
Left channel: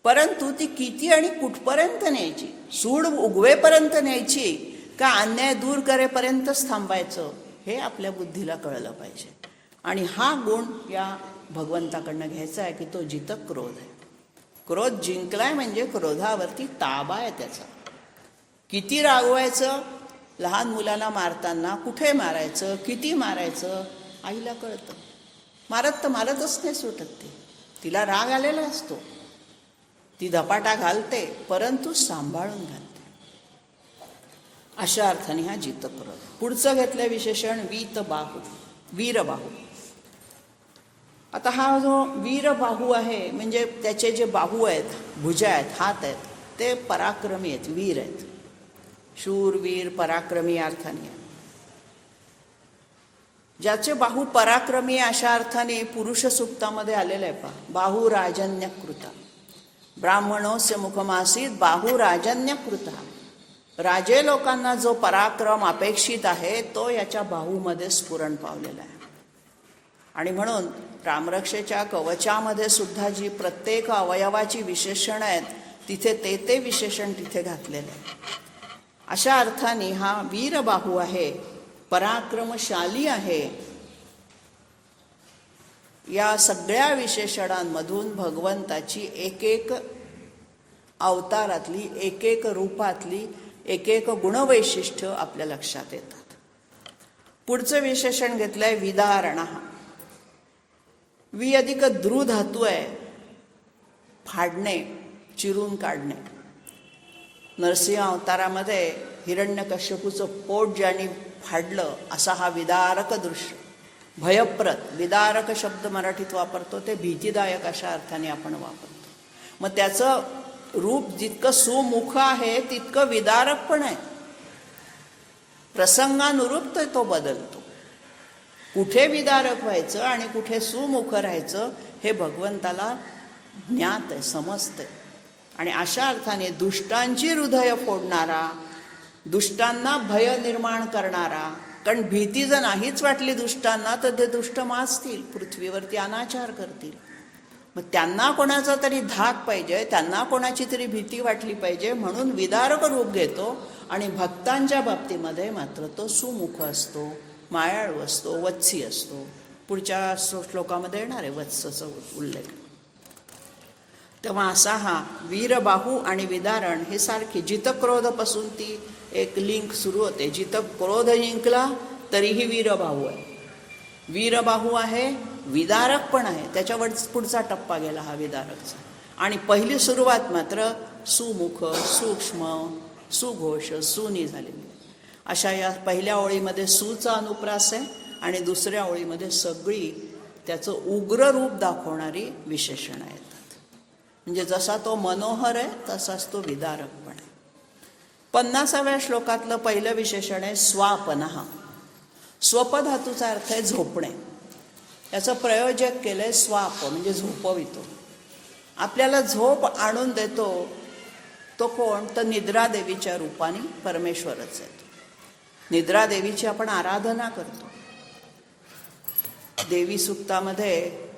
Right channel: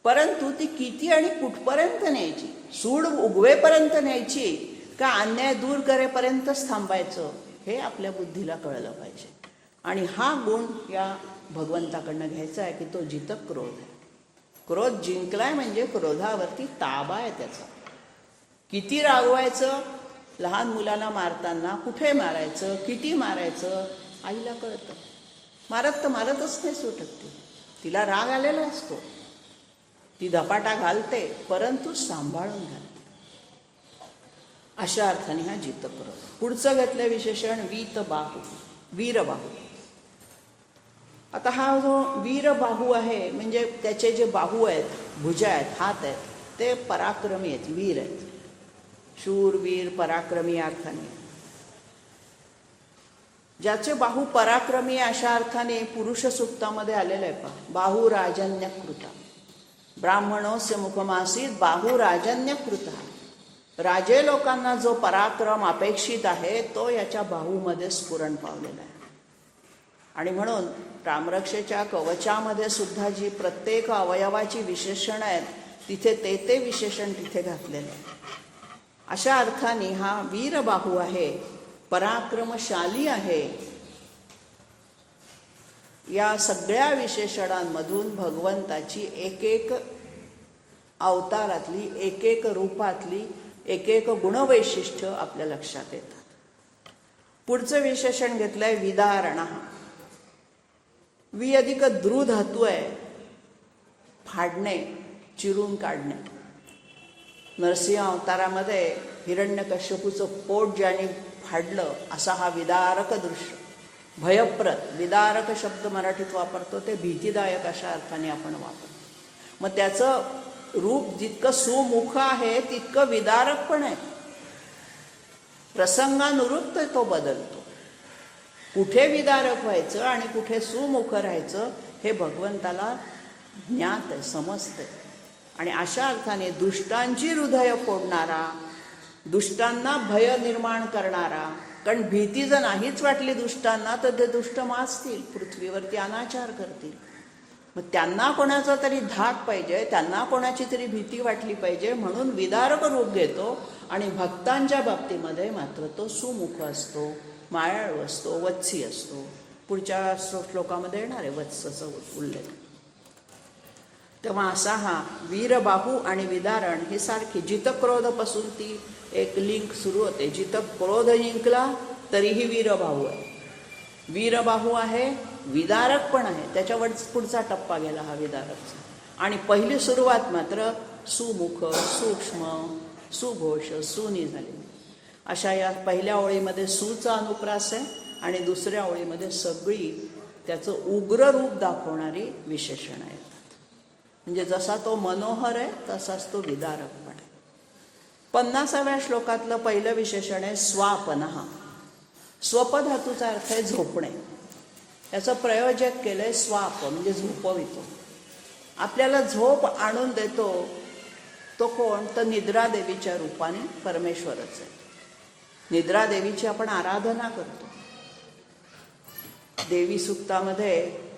परंतु ती किती आणि कुठपर्यंत न्यायची? सूड उगवेपर्यंत न्यायची का अन्याय दूर करेपर्यंतच थांबायचं? हे आपल्या बुद्धीला कळलं पाहिजे. आणि हा गुण या भगवंताकडनं घ्यायचा आहे की तो जितक्रोध आहे. क्रोध जिंकलाय म्हणजे क्रोधावरती ताबा आहे त्याचा. किती रागवायचं? लहान मुलाला मारताना कुठे मारायचं, किती मारायचं आईला कळतं. मारत तर मारतच नाही सुटत ती, तिला राग आलेला असतो, ती धपाटा घालते, परंतु सांभाळून घालते. अशा अर्थाने हा जितक्रोध. पुढचं घेतलं विशेषण वीतबाहू, वीरबाहू. आता हा जो वीरबाहू आहे म्हणजे त्याचे जे बाहू आहेत, भुजा आहेत, हात आहेत, ते पराक्रमी आहेत, वीर आहेत. शूर, वीर, पराक्रमी अर्थाने. ज्याचे बाहू पराक्रमी अशा अर्थाने पुरुष सूक्तामध्ये आलेलं आहे. पण बाहू राजन्यकृता, ब्राह्मणोस्य मुखमासीत बाहू राजन्यकृता. राजे लोकांना जो पराक्रम अपेक्षित आहे तो याच्या बाहूमध्ये स्फुरण पावलेला आहे. आणि म्हणून रामरक्षेच्या कवचामध्ये सुद्धा जी प्रत्येक अवयवाची विशेषणं आहेत तिथे ते विशेषण तिथे घातलेलं आहे. अशा अर्थाने हा वीरबाहू आहे, पराक्रमशाली आहे. या सगळ्या विशेषणांमधून भगवंताची एक एक अवतारातली, एक एक रूपातली, एक एक गुणवैशिष्ट्य आपल्या लक्षात येतात. पुढचं विशेषण घेतलंय विदारणा. वि अधिक द्रु धातू आहे, फाडणे, चिरून काढणे. नरसिंह अवतारामध्ये हिरण्यकश्यपूचं पोट ज्याने फाडलं असा हा विदारक दृश्य, भयप्रद. विदारक शब्द मराठीत वापरतो ते भीतीदायक अशा अर्थाने आपण वापरतो. मग त्याचं रूप जितकं सुमुख आहे तितकं विदारक पण आहे. प्रसंगानुरूप तो बदलतो. कुठे विदारक व्हायचं आणि कुठे सुमुख राहायचं हे भगवंताला ज्ञात आहे, समजते. आणि अशा अर्थाने दुष्टांची हृदय फोडणारा, दुष्टांना भय निर्माण करणारा. कारण भीती जर नाहीच वाटली दुष्टांना तर ते दुष्ट माजतील, पृथ्वीवरती अनाचार करतील. मग त्यांना कोणाचा तरी धाक पाहिजे, त्यांना कोणाची तरी भीती वाटली पाहिजे, म्हणून विदारक रूप घेतो. आणि भक्तांच्या बाबतीमध्ये मात्र तो सुमुख असतो, मायाळू असतो, वत्सी असतो. पुढच्या श्लोकामध्ये येणार आहे वत्सचा उल्लेख. तेव्हा असा हा वीरबाहू आणि विदारण हे सारखे. जितक्रोधपासून ती एक लिंक सुरू होते. जितक्रोध जिंकला तरीही वीरबाहू आहे. वीरबाहू आहे, विदारक पण आहे. त्याच्यावर पुढचा टप्पा गेला हा विदारकचा. आणि पहिली सुरुवात मात्र सुमुख, सूक्ष्म, सुघोष, सुनी झाली. अशा या पहिल्या ओळीमध्ये सुचा अनुप्रास आहे आणि दुसऱ्या ओळीमध्ये सगळी त्याचं उग्र रूप दाखवणारी विशेषणं आहेत. म्हणजे जसा तो मनोहर आहे तसाच तो विदारक पण आहे. 50व्या श्लोकातलं पहिलं विशेषण आहे स्वापनः. स्वपधातूचा अर्थ आहे झोपणे. याचं प्रयोजक केलंय स्वाप, म्हणजे झोपवितो. आपल्याला झोप आणून देतो तो कोण? तर निद्रादेवीच्या रूपाने परमेश्वरच आहे. निद्रादेवीची आपण आराधना करतो. देवी सूक्तामध्ये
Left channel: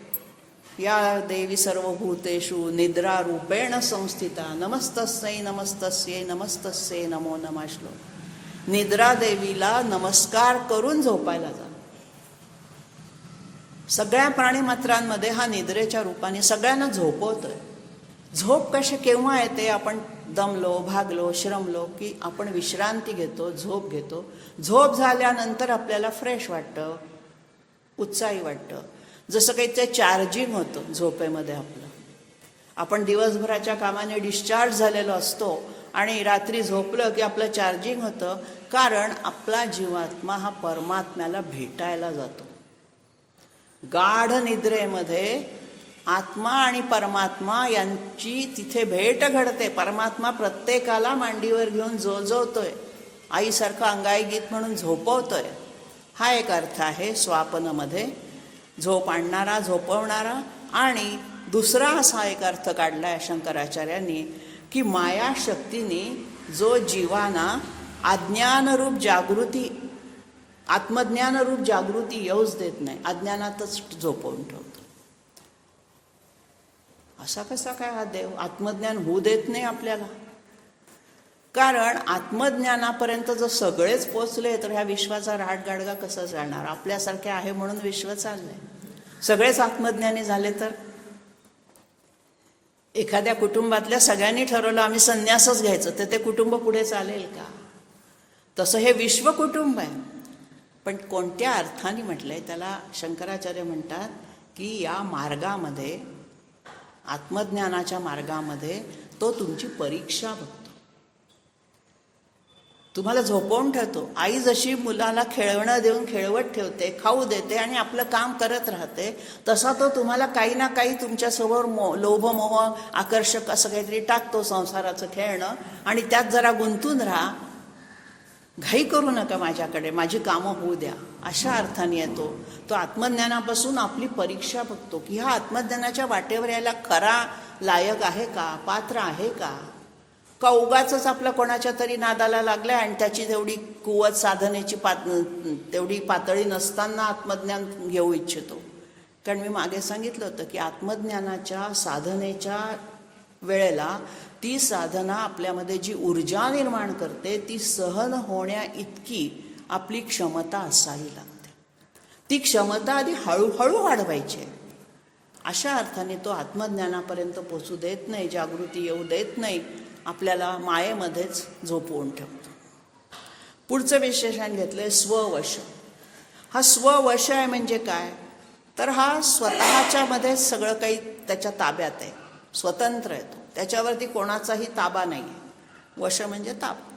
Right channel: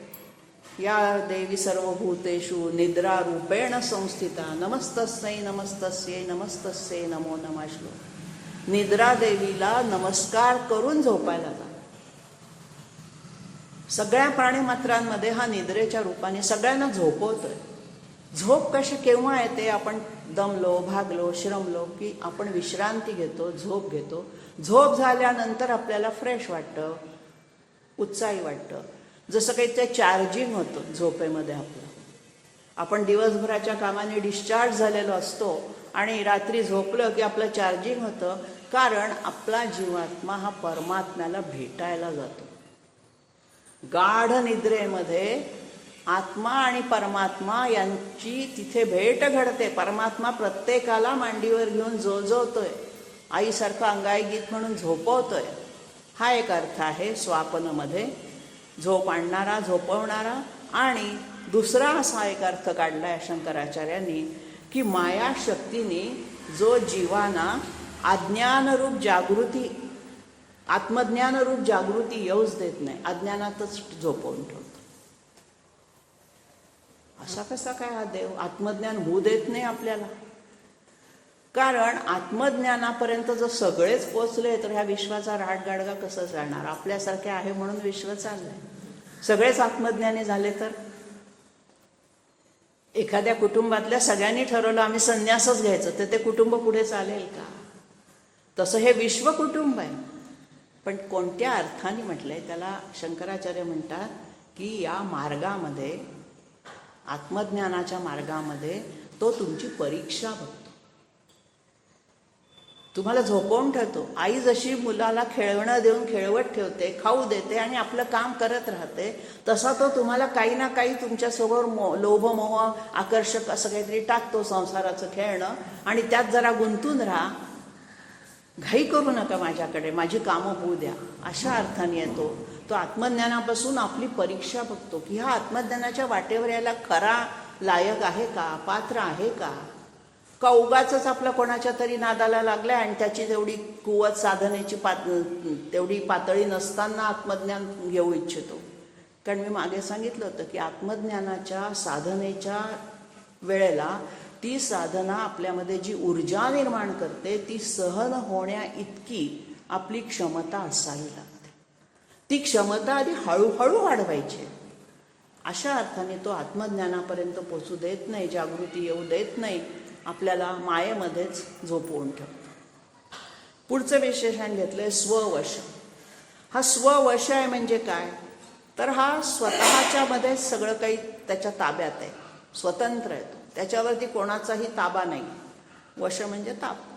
या देवी सर्वभूतेषु निद्रा रूपेण संस्थिता नमस्तस्यै नमस्तस्यै नमस्तस्यै नमो नमः श्लोक. निद्रा देवीला नमस्कार करून झोपायला जा. सगळ्या प्राणीमात्रांमध्ये हा निद्रेच्या रूपाने सगळ्यांना झोपवतोय. झोप कशी केव्हा येते? आपण दमलो, भागलो, श्रमलो की आपण विश्रांती घेतो, झोप घेतो. झोप झाल्यानंतर आपल्याला फ्रेश वाटतं, उत्साही वाटतं. जसं काही ते चार्जिंग होतं झोपेमध्ये आपलं. आपण दिवसभराच्या कामाने डिस्चार्ज झालेलो असतो आणि रात्री झोपलं की आपलं चार्जिंग होतं. कारण आपला जीवात्मा हा परमात्म्याला भेटायला जातो. गाढ निद्रेमध्ये आत्मा आणि परमात्मा यांची तिथे भेट घडते. परमात्मा प्रत्येकाला मांडीवर घेऊन जोजवतोय, आईसारखं अंगाई गीत म्हणून झोपवतोय. हा एक अर्थ आहे स्वापनमध्ये, झोप आणणारा, झोपवणारा. आणि दुसरा असा एक अर्थ काढलाय शंकराचार्यांनी की मायाशक्तीने जो जीवाना अज्ञानरूप जागृती, आत्मज्ञानरूप जागृती येऊच देत नाही, अज्ञानातच झोपवून ठेवतो. असा कसा काय हा देव? आत्मज्ञान होऊ देत नाही आपल्याला. कारण आत्मज्ञानापर्यंत जर सगळेच पोचले तर ह्या विश्वाचा राडगाडगा कसं जाणार? आपल्यासारखे आहे म्हणून विश्व चाललंय. सगळेच आत्मज्ञानी झाले तर? एखाद्या कुटुंबातल्या सगळ्यांनी ठरवलं आम्ही संन्यासच घ्यायचं, तर ते कुटुंब पुढे चालेल का? तसं हे विश्व कुटुंब आहे. पण कोणत्या अर्थाने म्हटलंय त्याला? शंकराचार्य म्हणतात की या मार्गामध्ये, आत्मज्ञानाच्या मार्गामध्ये तो तुमची परीक्षा बघतो, तुम्हाला झोपवून ठेवतो. आई जशी मुलाला खेळणं देऊन खेळवत ठेवते, खाऊ देते आणि आपलं काम करत राहते, तसा तो तुम्हाला काही ना काही तुमच्यासमोर लोभ मोह आकर्षक असं काहीतरी टाकतो, संसाराचं खेळणं. आणि त्यात जरा गुंतून राहा, घाई करू नका, माझ्याकडे माझी कामं होऊ द्या, अशा अर्थाने येतो. तो आत्मज्ञानापासून आपली परीक्षा बघतो की हा आत्मज्ञानाच्या वाटेवर यायला खरा लायक आहे का, पात्र आहे का उगाचच आपलं कोणाच्या तरी नादाला लागलाय आणि त्याची तेवढी कुवत साधनेची तेवढी पातळी नसताना आत्मज्ञान घेऊ इच्छितो. कारण मी मागे सांगितलं होतं की आत्मज्ञानाच्या साधनेच्या वेळेला ती साधना आपल्यामध्ये जी ऊर्जा निर्माण करते ती सहन होण्या इतकी आपली क्षमता असावी लागते. ती क्षमता आधी हळूहळू वाढवायची. अशा अर्थाने तो आत्मज्ञानापर्यंत पोचू देत नाही, जागृती येऊ देत नाही, आपल्याला मायेमध्येच झोपवून ठेवतो. पुढचं विशेषण घेतलंय स्ववश. हा स्ववश आहे म्हणजे काय, तर हा स्वतःच्यामध्ये सगळं काही त्याच्या ताब्यात आहे, स्वतंत्र आहे तो, त्याच्यावरती कोणाचाही ताबा नाही आहे. वश म्हणजे ताबा.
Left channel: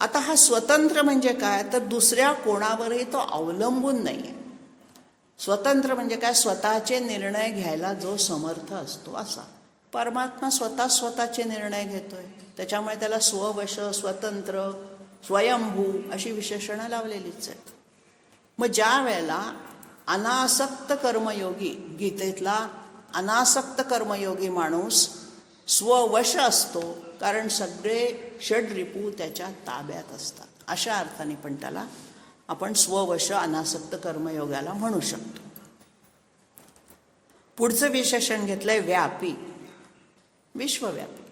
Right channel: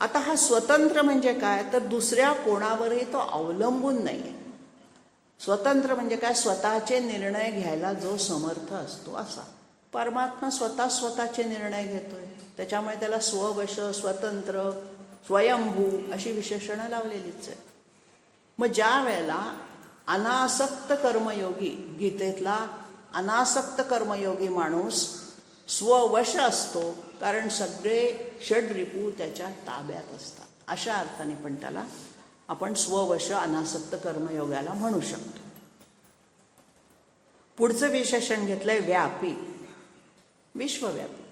आता हा स्वतंत्र म्हणजे काय, तर दुसऱ्या कोणावरही तो अवलंबून नाही आहे. स्वतंत्र म्हणजे काय, स्वतःचे निर्णय घ्यायला जो समर्थ असतो असा. परमात्मा स्वतःचे निर्णय घेतोय, त्याच्यामुळे त्याला स्ववश, स्वतंत्र, स्वयंभू अशी विशेषणं लावलेलीच आहेत. मग ज्या वेळेला अनासक्त कर्मयोगी, गीतेतला अनासक्त कर्मयोगी माणूस स्ववश असतो, कारण सगळे षड्रिपू त्याच्या ताब्यात असतात. अशा अर्थाने पण त्याला आपण स्ववश अनासक्त कर्मयोगाला म्हणू शकतो. पुढचं विशेषण घेतलंय व्यापी, विश्वव्यापी.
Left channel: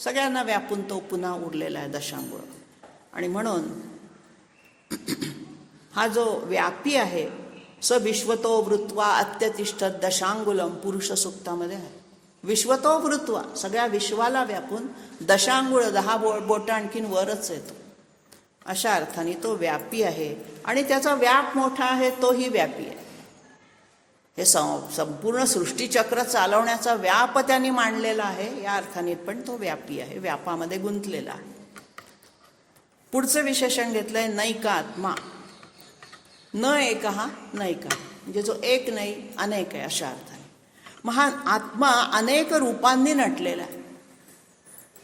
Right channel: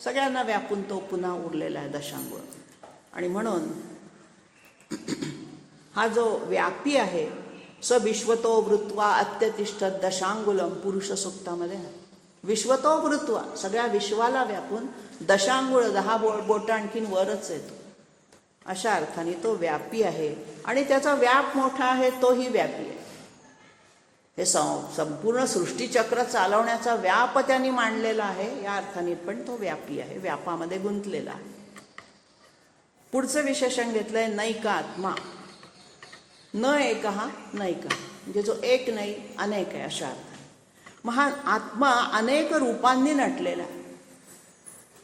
सगळ्यांना व्यापून तो पुन्हा उरलेला आहे दशांगुळ. आणि म्हणून हा जो व्यापी आहे, स विश्वतो वृत्वा अत्यतिष्ठत दशांगुलम पुरुष सूक्तामध्ये आहे. विश्वतो वृत्वा, सगळ्या विश्वाला व्यापून, दशांगुळ 10 बोटं आणखीन वरच येतो. अशा अर्थाने तो व्यापी आहे आणि त्याचा व्याप मोठा आहे, तोही व्यापी आहे. हे संपूर्ण सृष्टीचक्र चालवण्याचा व्याप त्यांनी मांडलेला आहे, या अर्थाने पण तो व्यापी आहे, व्यापामध्ये गुंतलेला आहे. पुढचं विशेषण घेतलंय नैकात्मा. न एक हा नैका, म्हणजे जो एक नाही अनेक आहे अशा अर्थाने. मग हा आत्मा अनेक रूपांनी नटलेला आहे.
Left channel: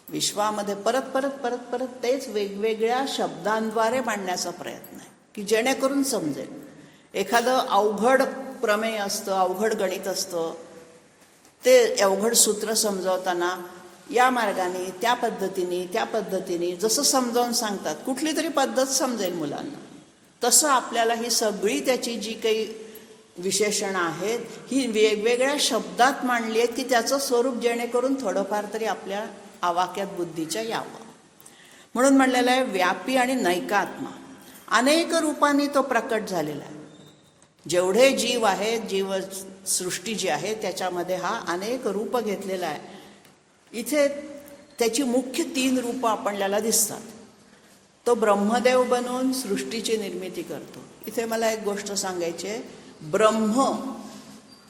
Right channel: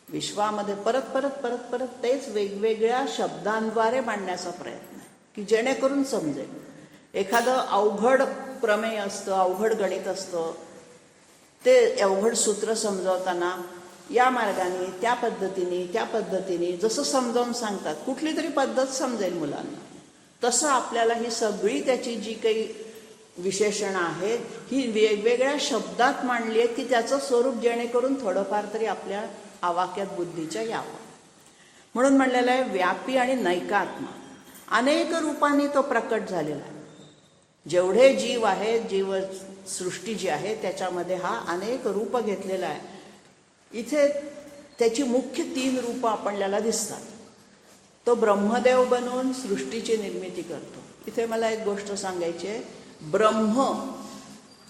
विश्वामध्ये परत परत परत परत तेच वेगवेगळ्या शब्दांद्वारे मांडण्याचा प्रयत्न आहे की जेणेकरून समजेल. एखादं अवघड प्रमेय असतं, अवघड गणित असतं, ते अवघड सूत्र समजावताना या मार्गाने, त्या पद्धतीने जसं समजावून सांगतात, कुठली तरी पद्धत समजेल मुलांना, तसं आपल्याला ही सगळी त्याची जी काही विशेषणं आहेत ही वेगवेगळ्या शब्दात मांडली आहेत की त्याचं स्वरूप जेणेकरून थोडंफार तरी आपल्या आवाक्यात बुद्धीच्या यावं. म्हणून म्हणलेलं आहे व्यापी आणि नैकात्मा. अनेक रूपांनी तो प्रकट झालेला आहे. जेवढे जीव आहेत, जीवसृष्टी जी आहे त्याच्यामध्ये हा अनेक रूप घेतलेला आहे. इथे त्याची मुख्य 3 रूपं आपल्याला दिसतात. तो ब्रह्मदेव बनून सृष्टीची निर्मिती करतो. इथे मला एक गोष्ट सांगायची आहे, ब्रह्म,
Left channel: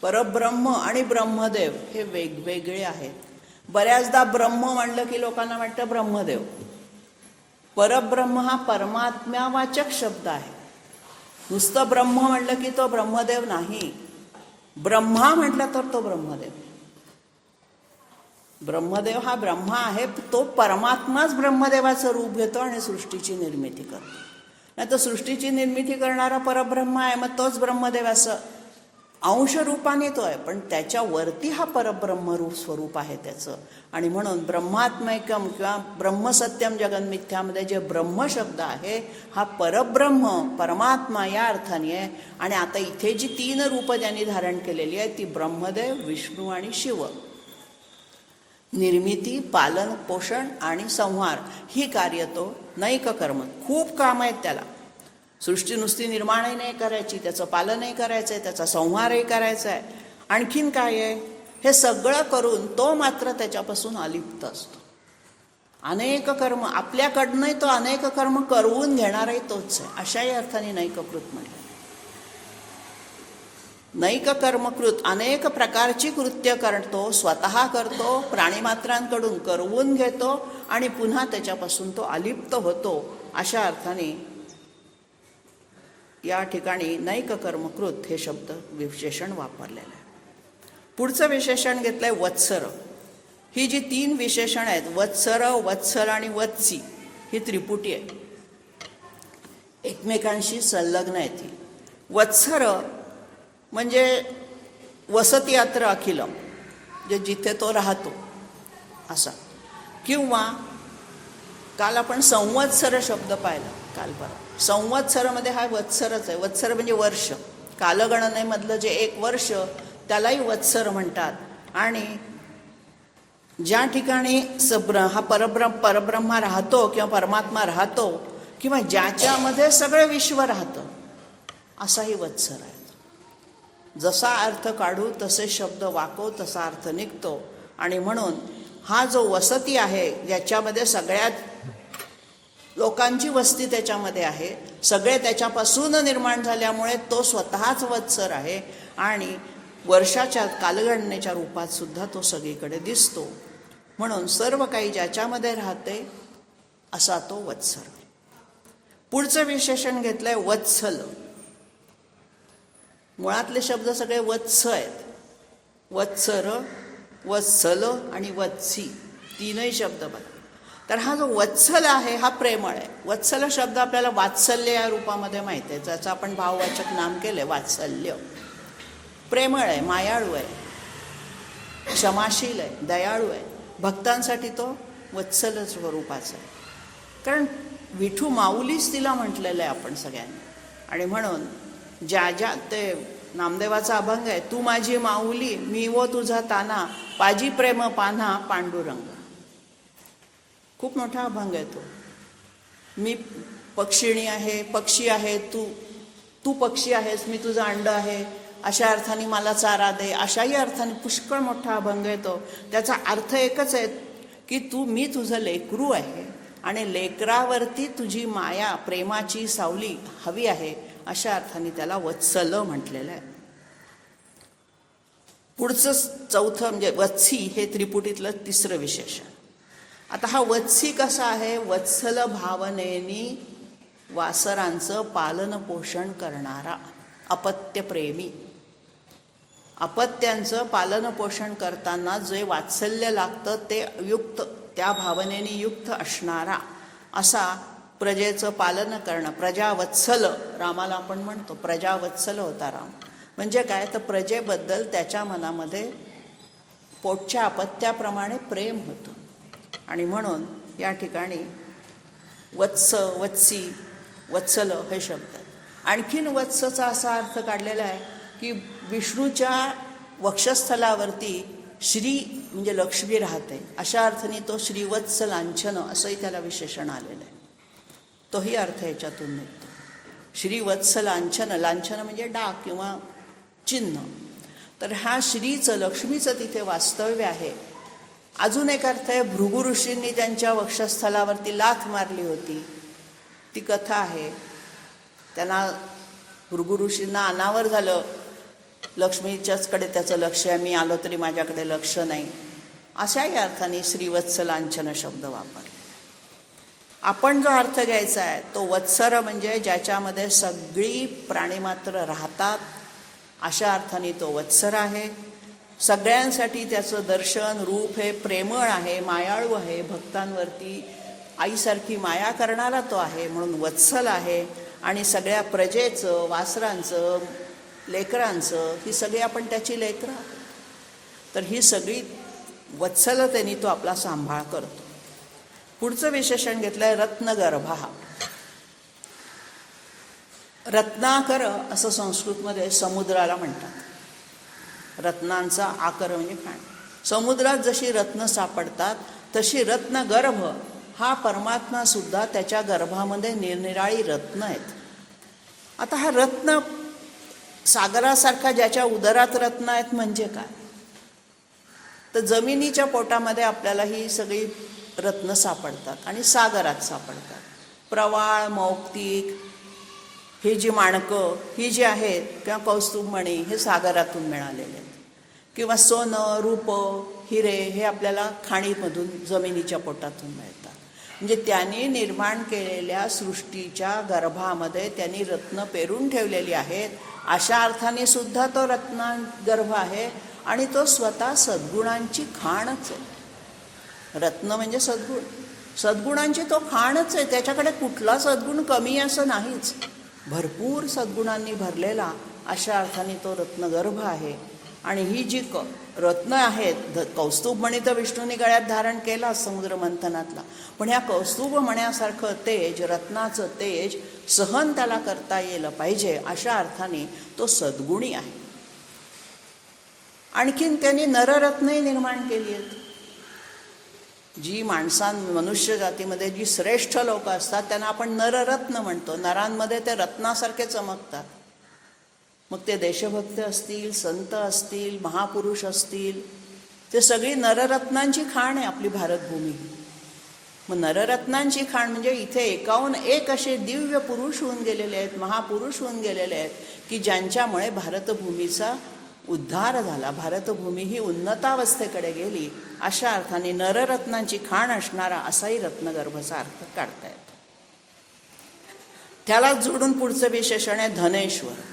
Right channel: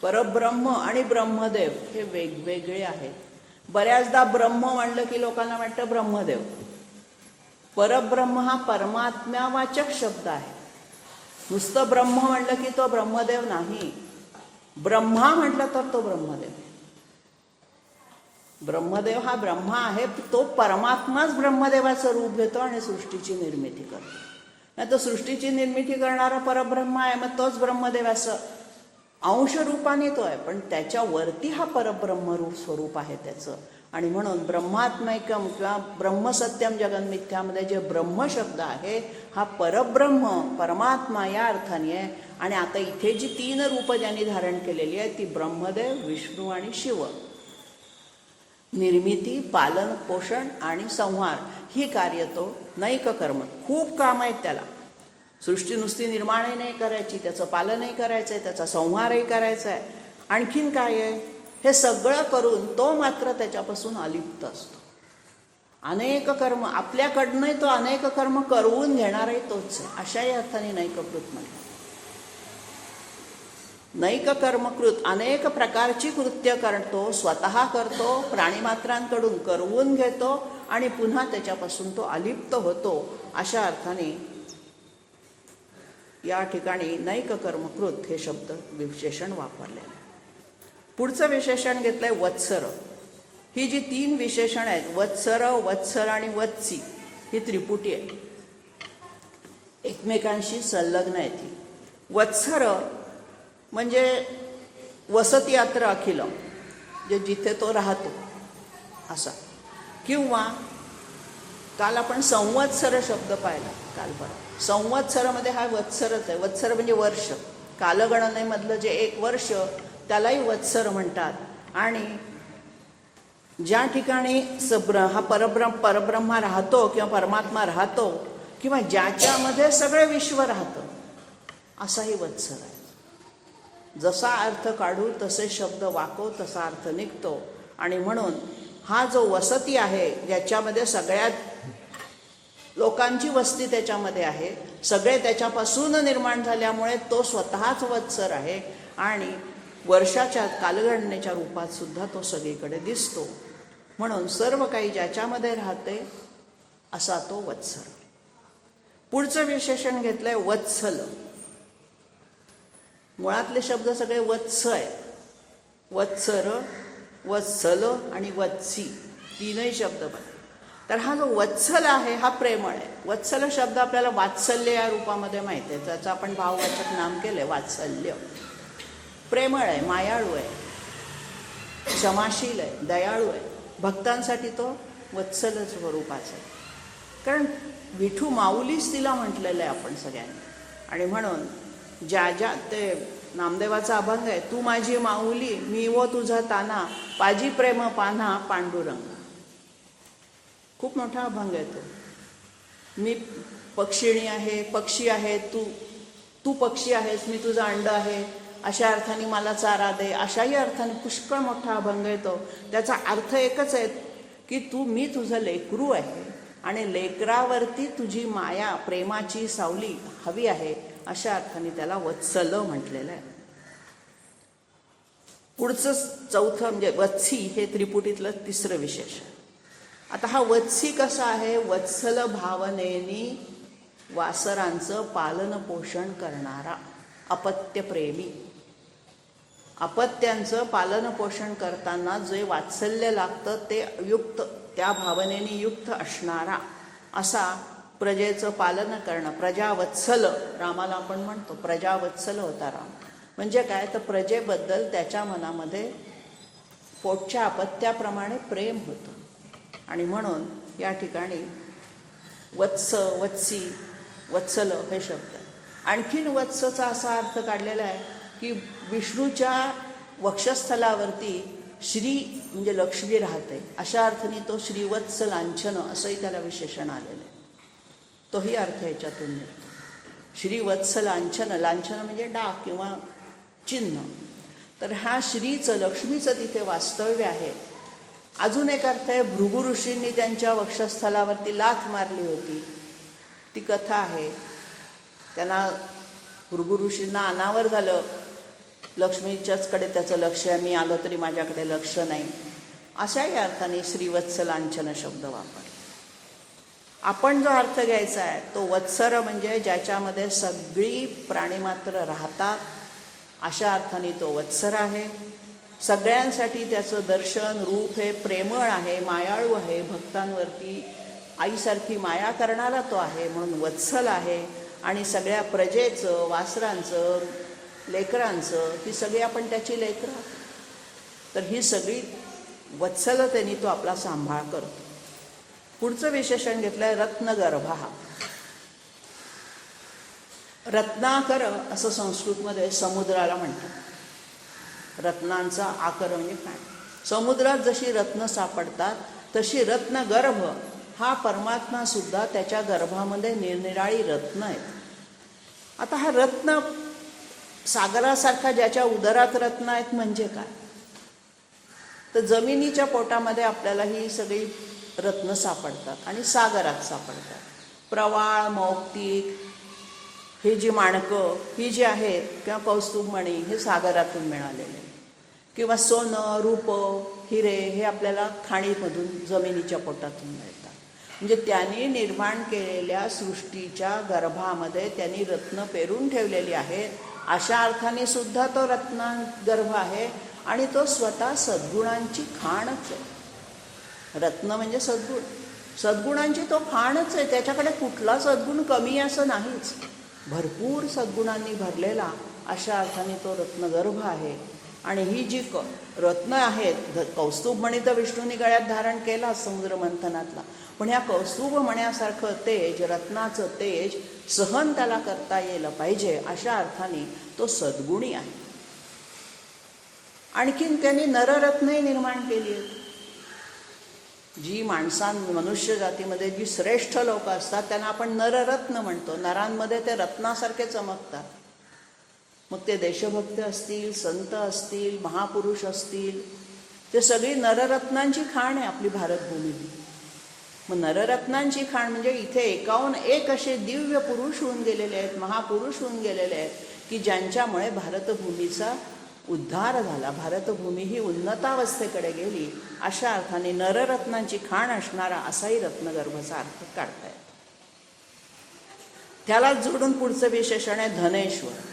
परब्रह्म आणि ब्रह्मदेव हे वेगवेगळे आहेत. बऱ्याचदा ब्रह्म म्हणलं की लोकांना वाटतं ब्रह्मदेव. परब्रह्म हा परमात्म्यावाचक शब्द आहे. नुसतं ब्रह्म म्हणलं की तो ब्रह्मदेव नाही, ब्रह्मा म्हटलं तर तो ब्रह्मदेव. ब्रह्मदेव हा ब्रह्मा आहे, तो परमात्माच ब्रह्मदेवाचं रूप घेतो आणि सृष्टीची निर्मिती करतो. नाही तर सृष्टीची निर्मिती करणारा परब्रह्म आहे, मग तोच ब्रह्मदेवाचं अंश रूपाने तो आहे, पण त्याच्यावरती हा परब्रह्म रूप स्वरूप आहे त्याचं. आणि म्हणून ब्रह्मात्मैकम किंवा ब्रह्मसत्यम जगन्मिथ्यामध्ये जे ब्रह्म शब्द आहे हा परब्रह्म, परमात्मा या अर्थाने आहे. आणि आता इथे जी 3 रूपं ज्यांनी धारण केलेली आहे ती ब्रह्मदेव, विष्णू आणि शिव. निर्मिती, पालन, पोषण आणि संहार ही कार्य तो नैक कर्म. खूप काम आहेत त्याला. सृष्टी नुसती निर्माणही नाही करायची, त्याचं पालनही करायचं आहे, त्याचा संहारही करायचा आहे. आणखीन काय आहे, हे सगळं करून तो मात्र त्याच्यापासून अलिप्त असतो. अनेक कर्म आपल्याकडनं तो अनेक कर्म करवून घेणारही तोच आहे. अशाही अर्थाने नैककृत म्हटलं. नैक कर्मकृत अनेक प्रकारची कृत्य करतो, स्वतः करतो, प्राणीमात्रांकडून करवून घेतो आणि पुन्हा त्याच्यापासून तो अलिप्त होतो. अशा अर्थाने या ठिकाणी नैक कर्मकृत हे शब्द विशेषण वापरलेलं आहे. पुढचं विशेषण घेतलंय वत्सर. ही जी 3 विशेषण आहेत, वत्सर, वत्सल आणि वत्सी, ही त्रिपुटी आहे, एकमेकांशी संलग्न आहे ती. वत्सर म्हणजे वसती अत्र अखिलम, जे जिथे तो राहतो असा. किंवा काल आपण संवत्सर शब्द पाहिला काल. संवत्सरामध्ये हा वत्सरच आहे. वत्सर म्हणजे वर्ष. कालगणनेमधलं जे 1 वर्ष त्यालाही वत्सर म्हणतात. आणि ज्या ठिकाणी हा परब्रह्मा राहतो किंवा परमात्मा राहतो किंवा ज्याच्यामध्ये सगळं विश्व राहतं असाही वत्सर आहे. जसा अर्थ काढू तसे शब्द वाको तसा अर्थ निघतो. आणि म्हणून हा जो वसती आहे ज्याच्यामध्ये सगळ्यात लोकांची वस्ती त्याच्यामध्ये आहे, सगळे त्याच्यापासून निर्माण झाल्यामुळे तो स्वतःच वत्सर आहे आणि वर्षाच्या कालगणनेच्या रूपात सुद्धा तो सगळीकडे दिसतो. म्हणून सर्व काही ज्याच्यामध्ये राहते असा तो वत्सर. पुढचं विशेषण घेतलंय वत्सल. मुळातले शब्द सगळे वत्स आहेत. वत्सर, वत्सल आणि वत्सी 3ही शब्द आहेत. तर हा जो वत्सल आहे हा प्रेमळ आहे. वत्सल शब्द आपल्याला वात्सल्य या रूपामध्ये माहिती आहे, त्याचं आपण भाववाचक नाम केलंय वात्सल्य. प्रेमळ आहे, मायाळू आहे, क्षमाशील आहे, दयाळू आहे. भक्तांसाठी तो वत्सल स्वरूपाचा. कारण विठू माऊलीच तिला म्हटलेलं आहे आपण सगळ्यांनी. आणि म्हणून ज्या ते नामदेवाचा अभंग आहे, तू माझी माऊली मी वो तुझा ताना पाजी प्रेम पान्हा पांडुरंग. खूप मोठा अभंग आहे तो. मी पक्षिणी आहे, पक्षी आहे, तू पक्षी आहेस, मी तुझा अंड आहे, अशा अर्थाने मला चारा दे, अशाही अर्थाने पुष्कळ मोठा अभंग आहे तो. त्याचा अर्थ एकच आहे की मी तुझं लेकरू आहे आणि लेकरावरती तुझी माया प्रेमाची सावली हवी आहे, अशा अर्थाने त्याला वत्सल म्हटलेलं आहे. पुढचं चौथं म्हणजे वत्सी हे त्रिपुटीतलं 3रं विशेषण. आता हा वत्सी कसा आहे? वत्सल भावनेनी वासरांचं पालन पोषण करणारा, अपत्यप्रेमी. अपत्यांचं पालन पोषण करताना जे वात्सल्य लागतं ते युक्त, त्या भावनेने युक्त असणारा असा प्रजेचं पालन करणं. प्रजावत्सल रामाला आपण म्हणतो, प्रजावत्सल होता राम. म्हणजे काय तर प्रजेबद्दल त्याच्या मनामध्ये पोटच्या अपत्याप्रमाणे प्रेम होतं. आणि म्हणून या ठिकाणी वत्स, वत्सी, वत्सल हे शब्द आहेत. आणखीन वत्सचा असा अर्थ काढलेला आहे की विष्णूच्या वक्षस्थलावरती श्री म्हणजे लक्ष्मी राहते, अशा अर्थाने तो श्रीवत्स लांछन असंही त्याला विशेषण आलेलं आहे. तोही अर्थ याच्यातून मिळतो. श्रीवत्स लांछन, लांछन म्हणजे डाग किंवा चिन्ह. तर ह्या श्रीचं, लक्ष्मीचं तिथे वास्तव्य आहे. अजून एक अर्थ आहे, भृगु ऋषींनी त्यांच्या वक्षस्थलावरती लाथ मारली होती, ती कथा आहे. त्यांना भृगु ऋषींना अनावर झालं, लक्ष्मीच्याचकडे त्याचं लक्ष आहे, मी आलं तरी माझ्याकडे लक्ष नाही, अशाही अर्थाने श्रीवत्स लांछन शब्द वापरला. आपण जो अर्थ घ्यायचा आहे तो वत्सर म्हणजे ज्याच्यामध्ये सगळी प्राणीमात्र राहतात, अशा अर्थाने तो वत्सर आहे. सगळ्यांसाठी त्याचं दर्शन रूप हे प्रेमळ आहे, मायाळू आहे, भक्तांवरती आईसारखी माया करणारा तो आहे, म्हणून वत्सल आहे. आणि सगळ्या प्रजेचं, वासरांचं, लेकरांचं, ही सगळी आपण त्याची लेकरं, तर ही सगळी वत्सलतेने तो आपला सांभाळ करतो. पुढचं विशेषण घेतलंय रत्नगर्भा. रत्नाकर असं संस्कृतमध्ये समुद्राला म्हणतात. रत्नांचा आकर म्हणजे काय? समुद्रात जशी रत्न सापडतात तशी रत्नगर्भ हा परमात्मा सुद्धा त्याच्या गर्भामध्ये निरनिराळी रत्न आहेत. आता हा रत्न सागरासारखा ज्याच्या उदरात रत्न आहेत म्हणजे काय? तर जमिनीच्या पोटामध्ये आपल्याला ही सगळी रत्न सापडतात आणि सागरात सापडतात. प्रवाळ, मौक्तिक, ही जी माणकं ही जी आहेत किंवा कौस्तुभमणी हे सागरातून मिळालेले आहेत. किंवा सोनं, रूप, हिरे हे आपल्याला खाणीमधून, जमिनीच्या पोटातून मिळतात. म्हणजे त्यांनी निर्माण केलेल्या सृष्टीच्या गर्भामध्ये त्यांनी रत्न पेरून ठेवलेली आहेत, अशा अर्थाने सुद्धा तो रत्नगर्भ आहे. आणि तो स्वतः सद्गुणांची खाणच आहे. रत्न म्हणजे सद्गुण, सद्गुणांची तो खाणच आहे. त्याच्याकडे कुठला सद्गुण कमी असं नाहीच, भरपूर सद्गुणांनी भरलेला अशा अर्थाने तो रत्नगर्भ आहे. आणि ही जी रत्न आहेत, कौस्तुभमणी तर विष्णूने गळ्यात धारण केला समुद्र मंथनातला, पण ह्या कौस्तुभमण्यासारखं तेज, रत्नाचं तेज सहन त्याला करता येलं पाहिजे, अशा अर्थाने तो सद्गुणी आहे. आणखीन त्यांनी नररत्नही निर्माण केली आहेत. जी मनुष्य जातीमध्ये जी श्रेष्ठ लोक असतात त्यांना आपण नररत्न म्हणतो. नरांमध्ये ते रत्नासारखे चमकतात. मग ते देशभक्त असतील, संत असतील, महापुरुष असतील, ते सगळी नररत्नांची खाण आहे आपली भारतभूमी. मग नररत्नांची खाण म्हणजे इथे एकाहून एक असे दिव्य पुरुष होऊन गेलेले आहेत, महापुरुष होऊन गेलेले आहेत, की ज्यांच्यामुळे भारतभूमीचा उद्धार झाला, भारतभूमी ही उन्नतावस्थेकडे गेली. अशा अर्थाने नररत्नांची खाण असणारा असाही रत्नगर्भचा अर्थ काढता येतो. त्याला जोडून पुढचं विशेषण आहे धनेश्वर,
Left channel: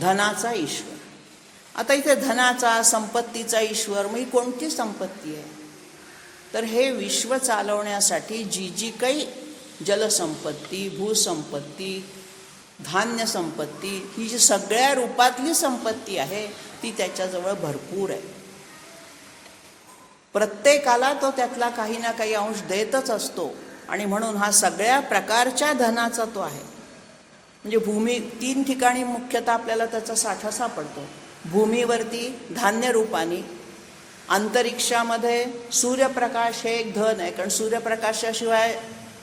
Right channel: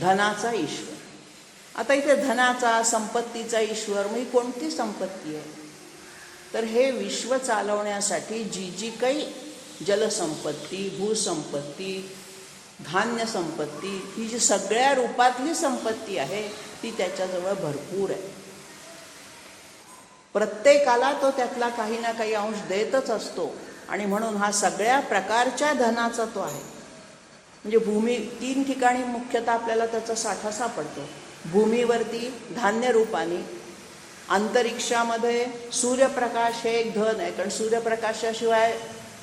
धनाचा ईश्वर. आता इथे धनाचा, संपत्तीचा ईश्वर, मग कोणती संपत्ती आहे? तर हे विश्व चालवण्यासाठी जी जी काही जलसंपत्ती, भूसंपत्ती, धान्य संपत्ती, ही जी सगळ्या रूपातली संपत्ती आहे ती त्याच्याजवळ भरपूर आहे. प्रत्येकाला तो त्यातला काही ना काही अंश देतच असतो. आणि म्हणून हा सगळ्या प्रकारच्या धनाचा तो आहे. म्हणजे भूमी 3 ठिकाणी मुख्यतः आपल्याला त्याचा साठा सापडतो. भूमीवरती धान्य रूपाने, अंतरिक्षामध्ये सूर्यप्रकाश हे एक धन आहे, कारण सूर्यप्रकाशाशिवाय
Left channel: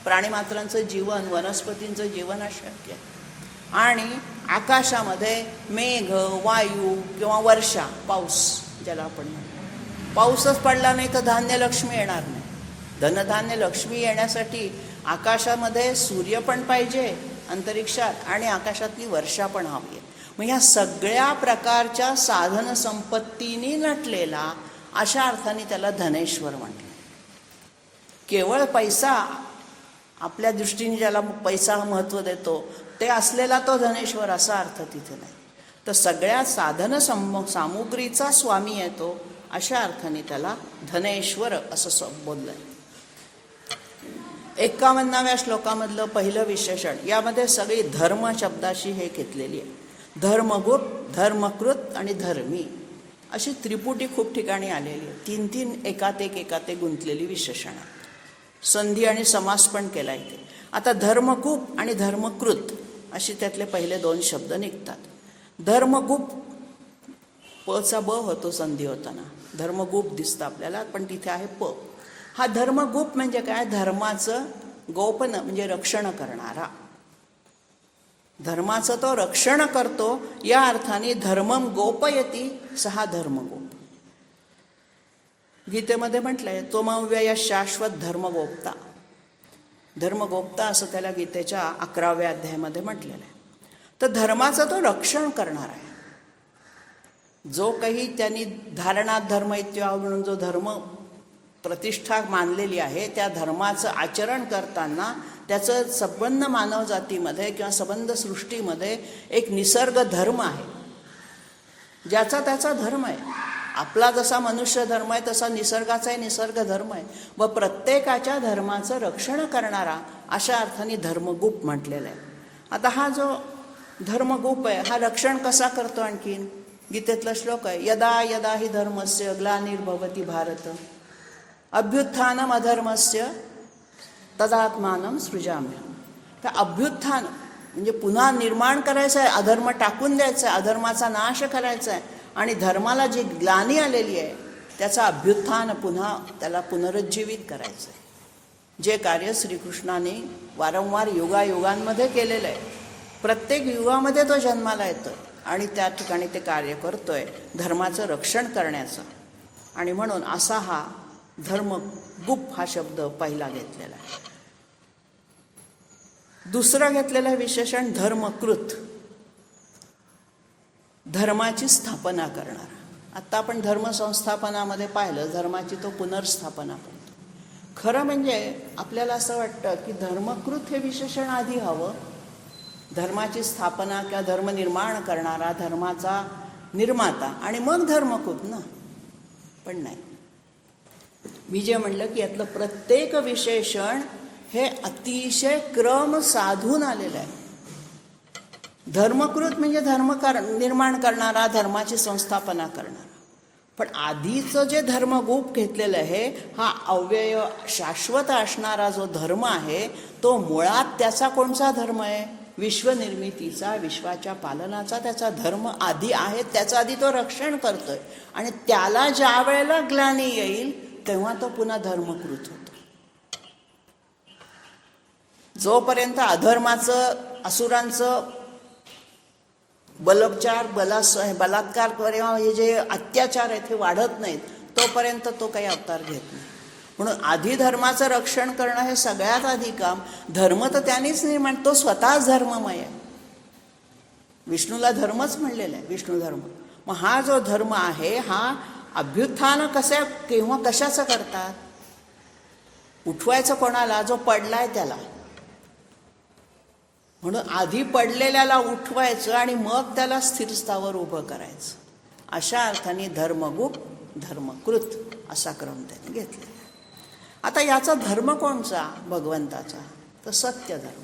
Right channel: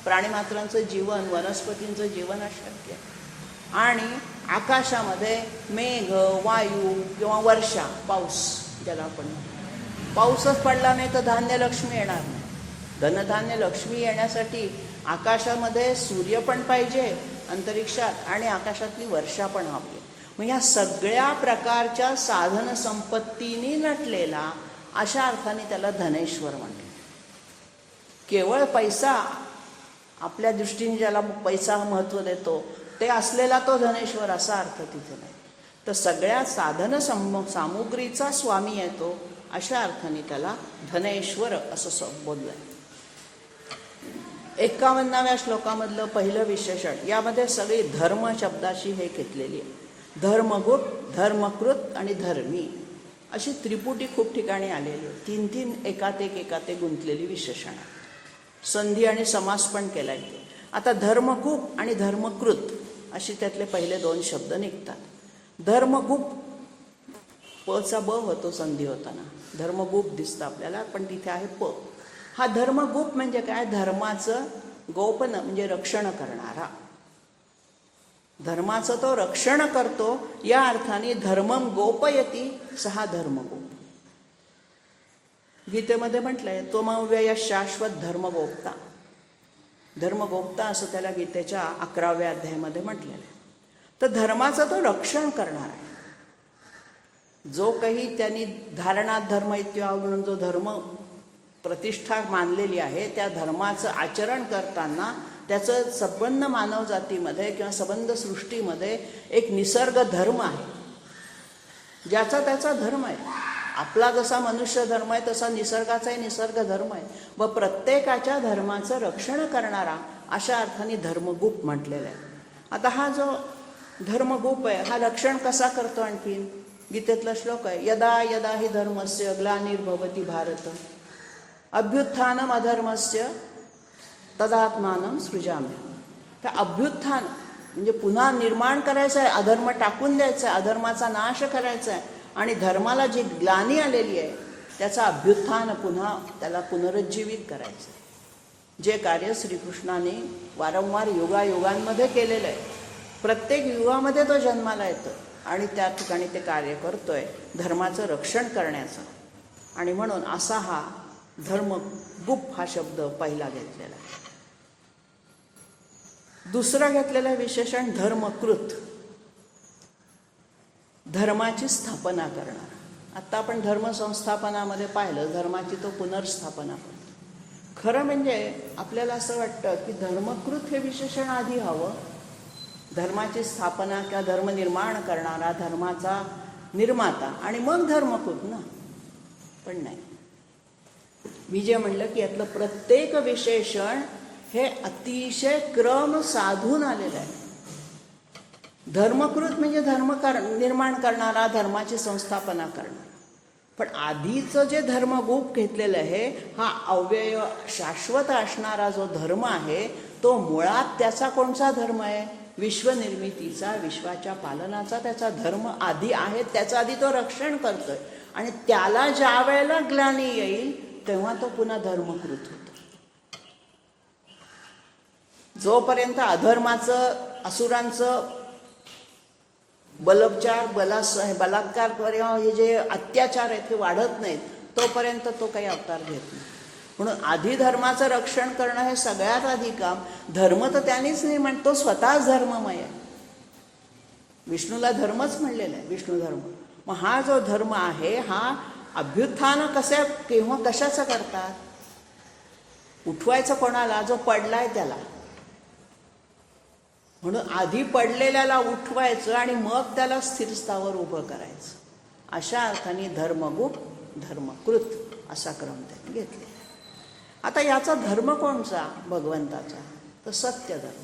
प्राणीमात्रांचं जीवन, वनस्पतींचं जीवन अशक्य आहे. आणि आकाशामध्ये मेघ, वायू किंवा वर्षा, पाऊस ज्याला आपण म्हणतो. पाऊसच पडला नाही तर धान्य लक्ष्मी येणार नाही. धनधान्य लक्ष्मी येण्यासाठी आकाशामध्ये सूर्य पण पाहिजे, अंतरिक्षात, आणि आकाशातली वर्षा पण हवी आहे. मग ह्या सगळ्या प्रकारच्या साधन संपत्तीने नटलेला, अशा अर्थाने त्याला धनेश्वर म्हणतात. केवळ पैसा, आपल्या दृष्टीने ज्याला पैसा महत्त्व देतो ते असलेला तो धनेश्वर असा अर्थ तिथे नाही. तर सगळ्या साधन सामुग्रीचा स्वामी आहे तो, अशा अर्थाने त्याला धनेश्वर असं बोललं. 51व्या श्लोकामधलं पहिलं विशेषण, यामध्ये सगळी धर्म शब्दाशी हे घेतलेली आहे. धर्मगुप्त, धर्मकृत आणि धर्मी अशी त्रिपुटी खूप ठिकाणी आलेली आहे. 3 एकात एक गुंतलेली विशेषण आहे. संधी आणि समास पण केला इथे. आता धर्मगुप्त आणि धर्मकृत अशी त्यातले पहिले 2 शब्द निघतात. धर्मगुप्त, पचा ब होतो संधी होताना, धर्मगुप्त दिसतं आपल्याला, पण तिथे आहे प. हा धर्मगुप्त म्हणजे काय? धर्माचं गोपन म्हणजे रक्षण करणारा. धर्माचं तो रक्षण करतो, या अर्थाने धर्मम गोपयती सहा धर्मगोप. गीतेमध्ये म्हटलंय त्वमव्यय शाश्वत धर्मगोप्ता. धर्मगोप्ता असं त्याला गीतेच्या 11व्या अध्यायामध्ये म्हटलेलं आहे. तर धर्माचं तो रक्षण करणार आहे. जो काही त्यांनी धारणात धर्म इत्याव म्हणून जो धर्म प्रतिष्ठा मानलेली आहे, त्या धर्माचं आचरण करताना त्याचं संबंध मानव जातीमध्ये किंवा संबंध सृष्टीमध्ये एक निसर्ग धर्म आहे, ज्याचा त्याचा धर्म आहे. आपला जसा मनुष्य धर्म आहे तसा निसर्गाचाही निसर्ग धर्म आहे. व प्रत्येकाच्या धर्माचं रक्षण करणारा अशा अर्थाने धर्मगुप्त म्हटलेला आहे. आता हा जो धर्मगुप्त आहे हा रक्षण कसा करतो? आणखीन गीतेतला श्लोक आहे, यदा यदा हि धर्मस्य ग्लानिर्भवति भारत अभ्युत्थानम अधर्मस्य तदात्मानं सृजामि. तर अभ्युत्थान म्हणजे पुन्हा निर्माण करायचं आहे, अधर्म टाकून द्यायचं आहे, अधर्माचा नाश करायचा आहे, आणि धर्माला जी ग्लानी आलेली आहे त्याचा अभ्युत्थान, पुन्हा त्याला पुनरुज्जीवित करायचं. जे कार्य श्रीकृष्णाने वारंवार युगायुगांमध्ये केलेलं आहे, प्रत्येक युगामध्ये तो जन्माला येतो आणि त्या ठिकाणी ते कार्य करतोय धर्माचं रक्षण करण्याचं. आणि म्हणून असा हा धर्मगुप्त हा शब्द पहिला घेतलेला आहे. दुसरं घेतलेलं विशेषण धर्मकृत, धर्माची स्थापना करणारा. आत्ता आपण धर्मसंस्थापनामध्ये पाहिलं, धर्माची तो पुनर्स्थापना करतो. खरं म्हणजे आपल्याला असं वाटतं की धर्मकृत हे विशेषण आधी हवं, धर्माची स्थापना किंवा धर्म निर्माण करणारा, धर्माचा निर्माता, आणि मग धर्मकृत ना. पण नाही, मी जे म्हणलं की यातलं प्रत्येक विशेषण हे अतिशय क्रम साधून आलेलं आहे. धर्मकृत म्हणजे निर्माण करणारा, धर्माची संस्थापना करणारा. पण आधीचं जे धर्मगुप घेतलेलं आहे, हा अव्यय शाश्वत असणारा जो धर्म आहे, तो मुळात त्याचा कोणता धर्म आहे? विश्वनिर्मितीचा, विश्वाच्या पालनाचा त्याचा धर्म आधी आहे. त्याचा आधी तो रक्षण करतोय आणि त्याला ज्या वेळेला ग्लानी येईल तेव्हा तो पुन्हा धर्मकृत होतो. जोपर्यंत अधर्माचं, असुरांचं बलात्कार हे जे अत्याचार आहेत हे वाढत नाहीत, तोपर्यंत तो काही अवतार घेत नाही. म्हणून आधी धर्माचं रक्षण करणं हे सगळ्यात आधी काम. धर्म तर त्यांनीच नाही तो स्वतःच धर्ममय आहे. विष्णूला धर्मच म्हणलेला आहे, विष्णू धर्म. मग हा जो धर्म आहे, हा अभ्युत्थान केव्हा कशाचं करतात? उठवायचं कोणाला? जो पडलाय त्याला. म्हणून आधी पडलेल्याला उठवायचं आणि मग त्याला स्थिरस्थावर उभं करायचं. अशा अर्थाने धर्मगुप, धर्मकृत असा क्रम त्यांनी घेतला. आता याचा धर्म कोणचा? भगवंताचा. तर सत्य धर्म.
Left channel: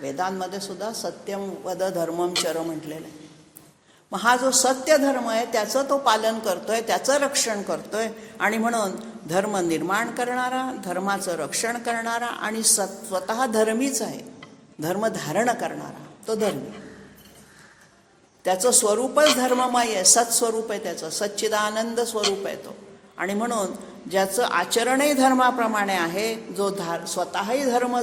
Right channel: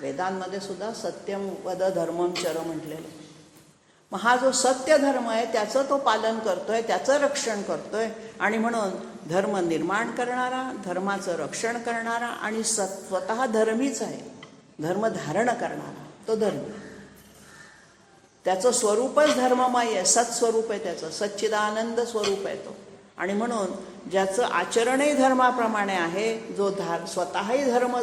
वेदांमध्ये सुद्धा सत्यम वद धर्मम चर म्हटलेलं आहे. मग हा जो सत्य धर्म आहे त्याचं तो पालन करतोय, त्याचं रक्षण करतोय. आणि म्हणून धर्म निर्माण करणारा, धर्माचं रक्षण करणारा आणि स्वतः धर्मीच आहे. धर्म धारण करणारा तो धर्मी. त्याचं स्वरूपच धर्ममय आहे, सत्स्वरूप आहे त्याचं, सच्चिदानंद स्वरूप आहे तो. आणि म्हणून ज्याचं आचरणही धर्माप्रमाणे आहे, जो स्वतःही धर्म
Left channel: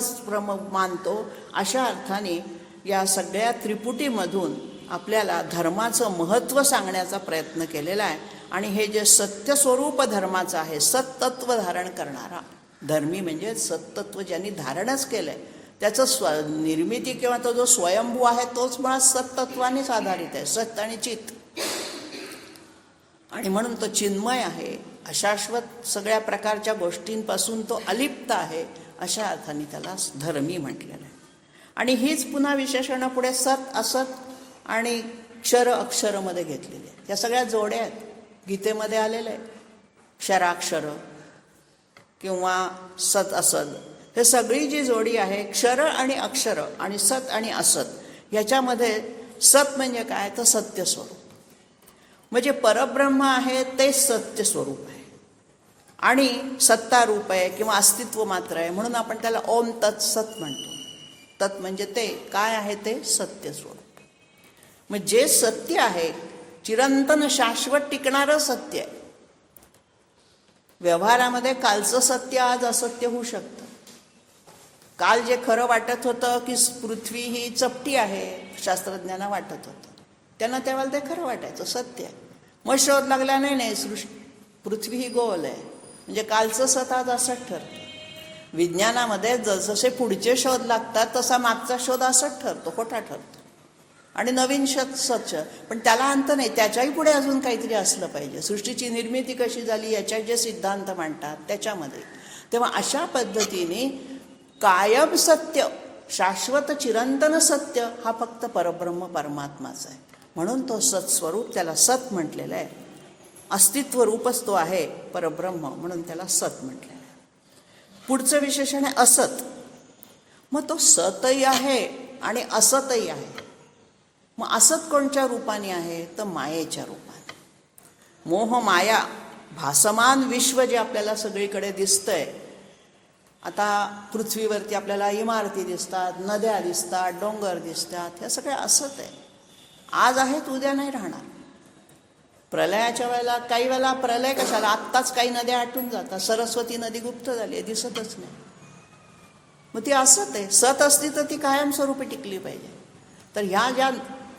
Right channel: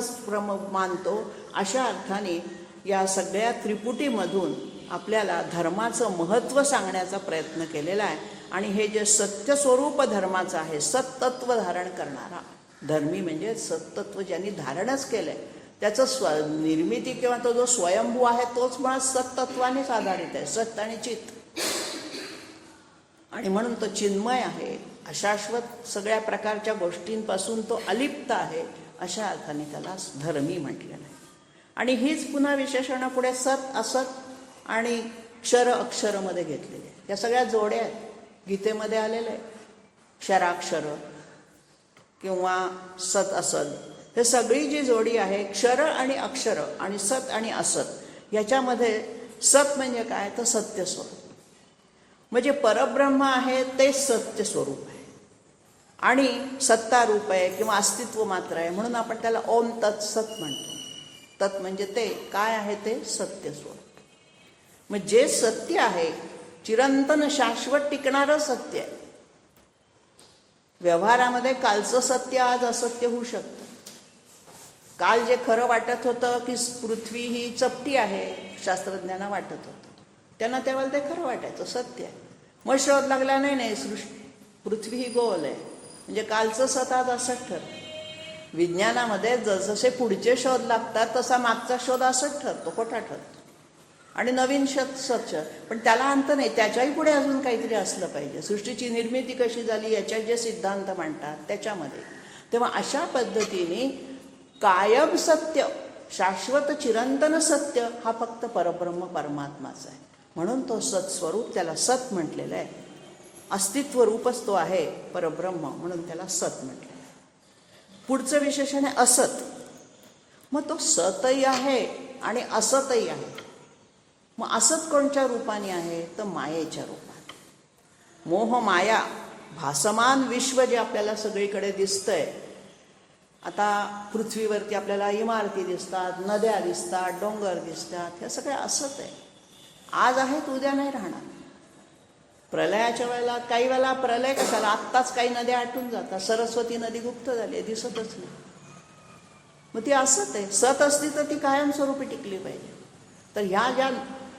मानतो, अशा अर्थाने या सगळ्या त्रिपुटीमधून आपल्याला धर्माचं महत्त्व सांगण्याचा प्रयत्न केलेला आहे. आणि हे जे सत्यस्वरूप धर्माचं आहे, सत्तत्व धारण करणारा धर्मी म्हणजे सत्तत्व ज्यांनी धारणच केलं आहे, त्याचं निर्मिती किंवा तो जो स्वयंभू आहे तोच मुळात सत्तत्वानेच आधारित आहे, सत्य आणि चित्त. आणि म्हणून तो चिन्मय आहे, अशाश्वत सगळ्या प्रकारच्या गोष्टींपासून तो अलिप्त आहे. अशा अर्थाने त्याला धर्मी म्हटलेलं आहे. आणि हीच पुन्हा विशेषणं पुढे सत, असत आणि क्षर अक्षरमध्ये घेतलेली आहे. या सगळ्या जोड्या आहेत, गीतेमध्ये आलेल्या आहे. क्षराक्षर किंवा सत असत, हे सगळी जी जोडी आहे, क्षर आणि अक्षर आणि सत आणि असत, याच्यामध्ये सत म्हणजे काय? तर सत्य स्वरूप. म्हणजे परब्रह्म आहे ते सत्य स्वरूप आहे आणि सत्ता रूप आहे किंवा अस्तित्व मात्र आहे. म्हणून आपण त्याला ओम तत्सत म्हणतो. तत् म्हणजे ते काय आहे? ते सत्य स्वरूप. मग जे सत्य आहे, चिरंतन शाश्वत टिकणारं सत्य आहे. व्यवहारामध्ये कालचं सत्य आज असत्य होऊ शकतं. काल जे खरं वाटत होतं की पृथ्वी ही चपटी आहे, शास्त्रज्ञांना वाटत होतं, त्यांना तेव्हा ते खरं वाटायचं, सत्य आहे. मग शोध लागला, नाही पृथ्वी ही गोल आहे, म्हणजे कालचं सत आज असंच ठरतं. विज्ञानामध्ये जसजसे पुढचे शोध लागतात तसा मागचा शोध असंच ठरतो, खोटा ठरतो. आणि नवीन शोध सच, पण त्याला अंत नाही, त्याच्याही पुढे अजून काहीतरी असलं पाहिजे. सृष्टीची निर्मिती कशी झाली याच्या जे सिद्धांत मांडतात त्याच्यामध्ये. तेव्हा अशा पद्धतीने कायम सत्य, शाश्वत चिरंतन सत्य हा फक्त परब्रह्म परमात्माचा आहे. म्हणून तो सत्स्वरूप, त्याला सत म्हटलेलं आहे. अस्तित्व रूपच तो आहे परब्रह्म, म्हणून त्याला सत म्हटलेलं आहे. पुढचं विशेषण आहे असत. मग तो सतही आहे आणि असतही आहे. मग असत कोणत्या रूपाने आहे? तर मायेच्या रूपाने. मोह माया, भासमान विश्व जे आपल्याला सगळीकडे दिसतंय. आता पृथ्वीवरती आपल्याला इमारती दिसतात, नद्या दिसतात, डोंगर दिसतात, ह्या सगळ्या असत आहे. आज आहेत, उद्या नाही राहणार. प्रलयाच्या वेळेला काही वेळेला प्रलय कशाला? आत्ताच काही नद्या आटून जातात. सरस्वती नदी गुप्त झाली आहे, दिसतच नाही. मग ती असत आहे. सत असती तर ती कायमस्वरूपी टिकली पाहिजे. तर ह्या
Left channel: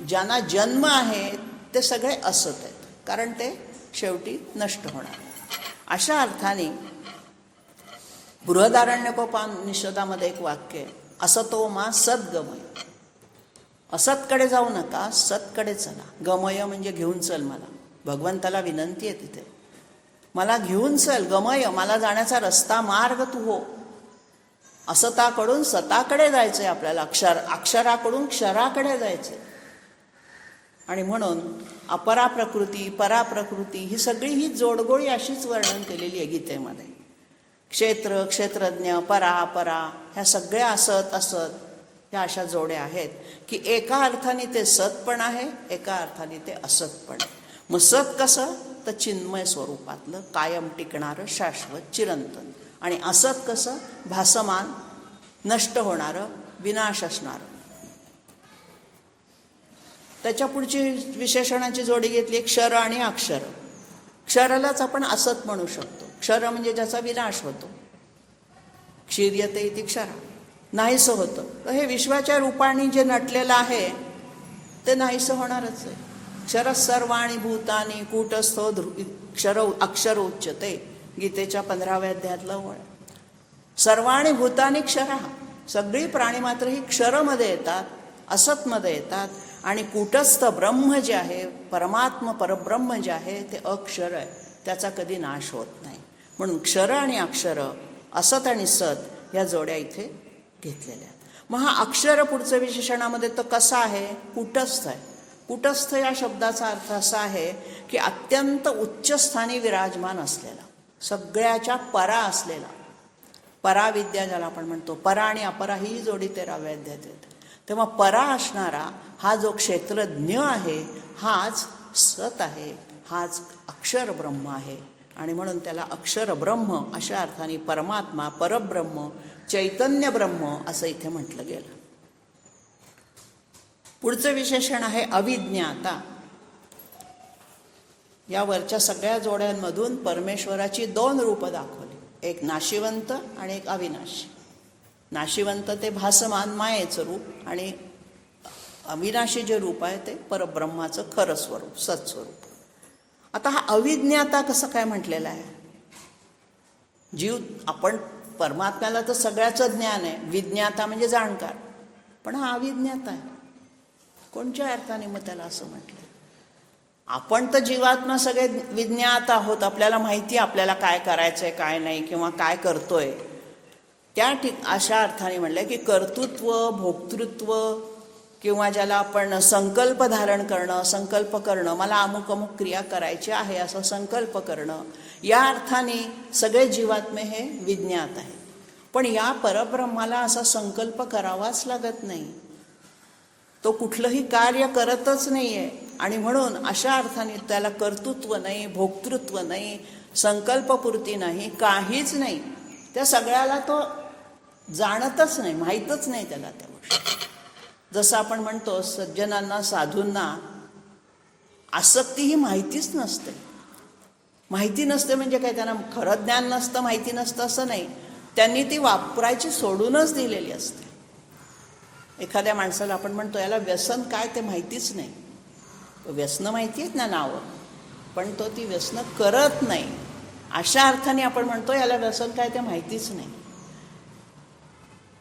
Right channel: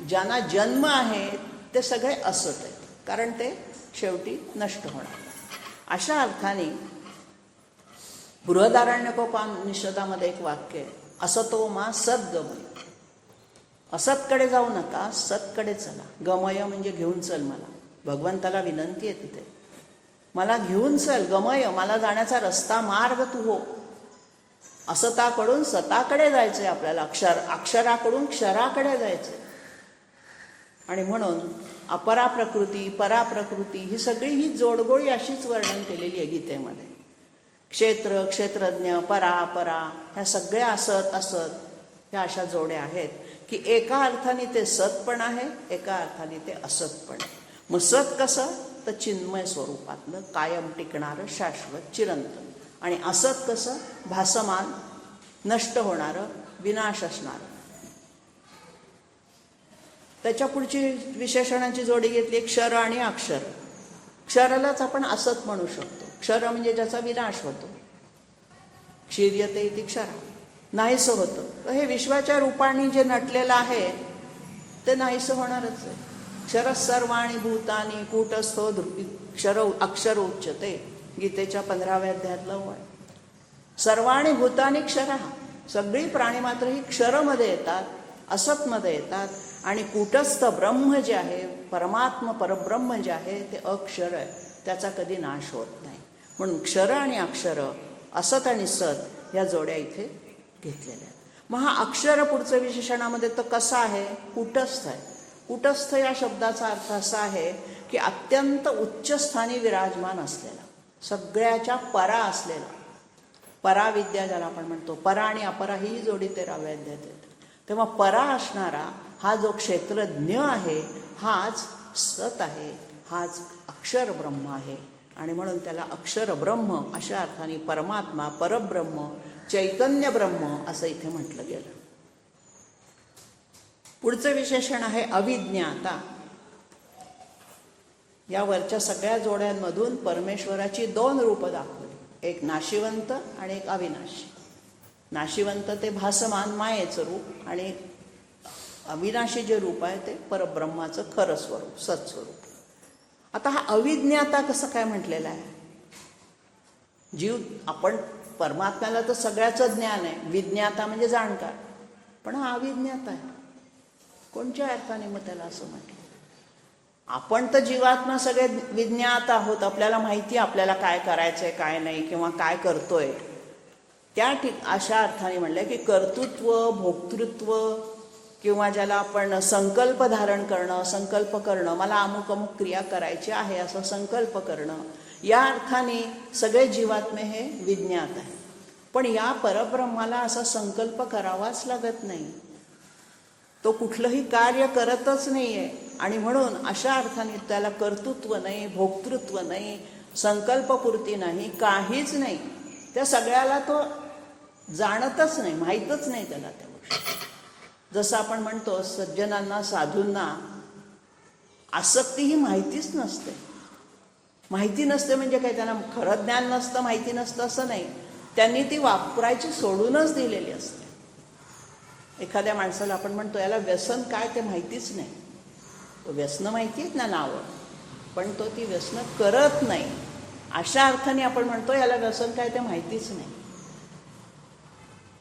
ज्यांना जन्म आहे ते सगळे असत आहेत, कारण ते शेवटी नष्ट होणार. अशा अर्थाने बृहदारण्यकोपनिषदामध्ये एक वाक्य आहे, असतो मा सद्गमय. असतकडे जाऊ नका, सतकडे चला. गमय म्हणजे घेऊन चल. मला भगवंताला विनंती आहे तिथे, मला घेऊन चल. गमय, मला जाण्याचा रस्ता, मार्ग तू हो. असताकडून सताकडे जायचंय आपल्याला, अक्षराकडून क्षराकडे जायचंय. आणि म्हणून अपरा प्रकृती, पराप्रकृती ही सगळी ही जोडगोळी अशीच वर्णन केलेली आहे गीतेमध्ये. क्षेत्र, क्षेत्रज्ञ, परा, अपरा, ह्या सगळ्या असत, ह्या अशा जोड्या आहेत. की एका अर्थाने ते सत पण आहे, एका अर्थाने ते असत पण आहे. मग सत कसं तर चिन्मय स्वरूपातलं, कायम टिकणारं, शाश्वत, चिरंतन. आणि असत कसं भासमान, नष्ट होणारं, विनाश असणारं. त्याच्या पुढची विशेषणाची जोडी घेतली क्षर आणि अक्षर. क्षरालाच आपण असत म्हणू शकतो. क्षर म्हणजे ज्याचा विनाश होतो. क्षीर्यते इति क्षर, नाहीसं होतं. तर हे विश्वाच्या रूपाने जे नटलेलं आहे ते नाहीसं होणारच आहे. क्षर सर्वाणि भूतानि कूटस्थो क्षर अक्षर उच्यते, गीतेच्या 15व्या अध्यायातलं वळ. सर्वाणि भूतानि क्षर, सगळी प्राणी मात्र ही क्षरमध्ये येतात, असतमध्ये येतात. आणि कूटस्थ ब्रह्म जे आहे, परमात्मा परब्रह्म जे आहे ते अक्षर आहे, त्याचा कधी नाश होत नाही. म्हणून क्षर आणि अक्षर, असत आणि सत या जोड्या इथे घेतलेल्या आहेत. मग हा अक्षर पुढचं विशेषणामध्ये तर कसा आहे, कूटस्थ आहे. कूटस्थ या शब्दाचा अर्थ असा आहे की अत्यंत उच्चस्थानी विराजमान असलेला, सगळ्याच्या परा असलेला, पराविद्या ज्याला आपण म्हणतो. परा आणि अपरा ही जोडी 13व्या अध्यायात येते. तेव्हा परा असणारा हा जो क्षेत्रज्ञ आहे हाच सत आहे, हाच अक्षर ब्रह्म आहे. आणि म्हणून त्याला अक्षर ब्रह्म अशा अर्थाने परमात्मा, परब्रह्म, चैतन्य ब्रह्म असं इथे म्हटलं गेलं. पुढचं विशेषण आहे अविज्ञाता. या वरच्या सगळ्या जोड्यांमधून परमेश्वराची 2 रूपं दाखवली, एक नाशिवंत आणि एक अविनाशी. नाशिवंत ते भासमान मायेचं रूप, आणि अविनाशी जे रूप आहे ते परब्रह्माचं खरं स्वरूप, सत्स्वरूप. आता हा अविज्ञाता कसं काय म्हटलेलं आहे? जीव, आपण परमात्म्याला तर सगळ्याचं ज्ञान आहे, विज्ञाता म्हणजे जाणकार, पण हा अविज्ञाता आहे. कोणत्या अर्थाने मग त्याला असं म्हटलं? आपण तर जीवात्मा सगळे विज्ञात आहोत, आपल्याला माहिती आहे आपल्याला काय करायचंय काय नाही किंवा काय करतोय. त्या अशा अर्थाने म्हणलं की कर्तृत्व, भोक्तृत्व किंवा ज्याला आपण संकल्प धारण करणं, संकल्प करणं, मला अमुक अमुक क्रिया करायची आहे असं संकल्प करणं, या अर्थाने सगळे जीवात्मे हे विज्ञात आहे. पण या परब्रह्माला असा संकल्प करावाच लागत नाही, तो कुठलंही कार्य करतच नाही आहे. आणि म्हणून अशा अर्थाने त्याला कर्तृत्व नाही, भोक्तृत्व नाही, संकल्पपूर्ती नाही, काहीच नाही. त्या सगळ्याला तो जाणतच नाही, माहीतच नाही त्याला त्या गोष्टी. जसं आपण म्हणतो सज्जनांना, साधूंना आसक्ती ही माहितीच नसते. माहिती नसते म्हणजे काय, त्यांना खरं ज्ञान नसतं, माहिती नसतं असं नाही, त्यांनी ती वापरायची सोडूनच दिलेली असते. एखाद्या माणसाला आपण म्हणतो याला व्यसन काय ते माहितीच नाही, व्यसनं माहिती आहेत ना नावं, पण तो ती व्यसनं करत नाही. अशा अर्थाने आपण म्हणतो याला व्यसन काय ते माहितीच नाही.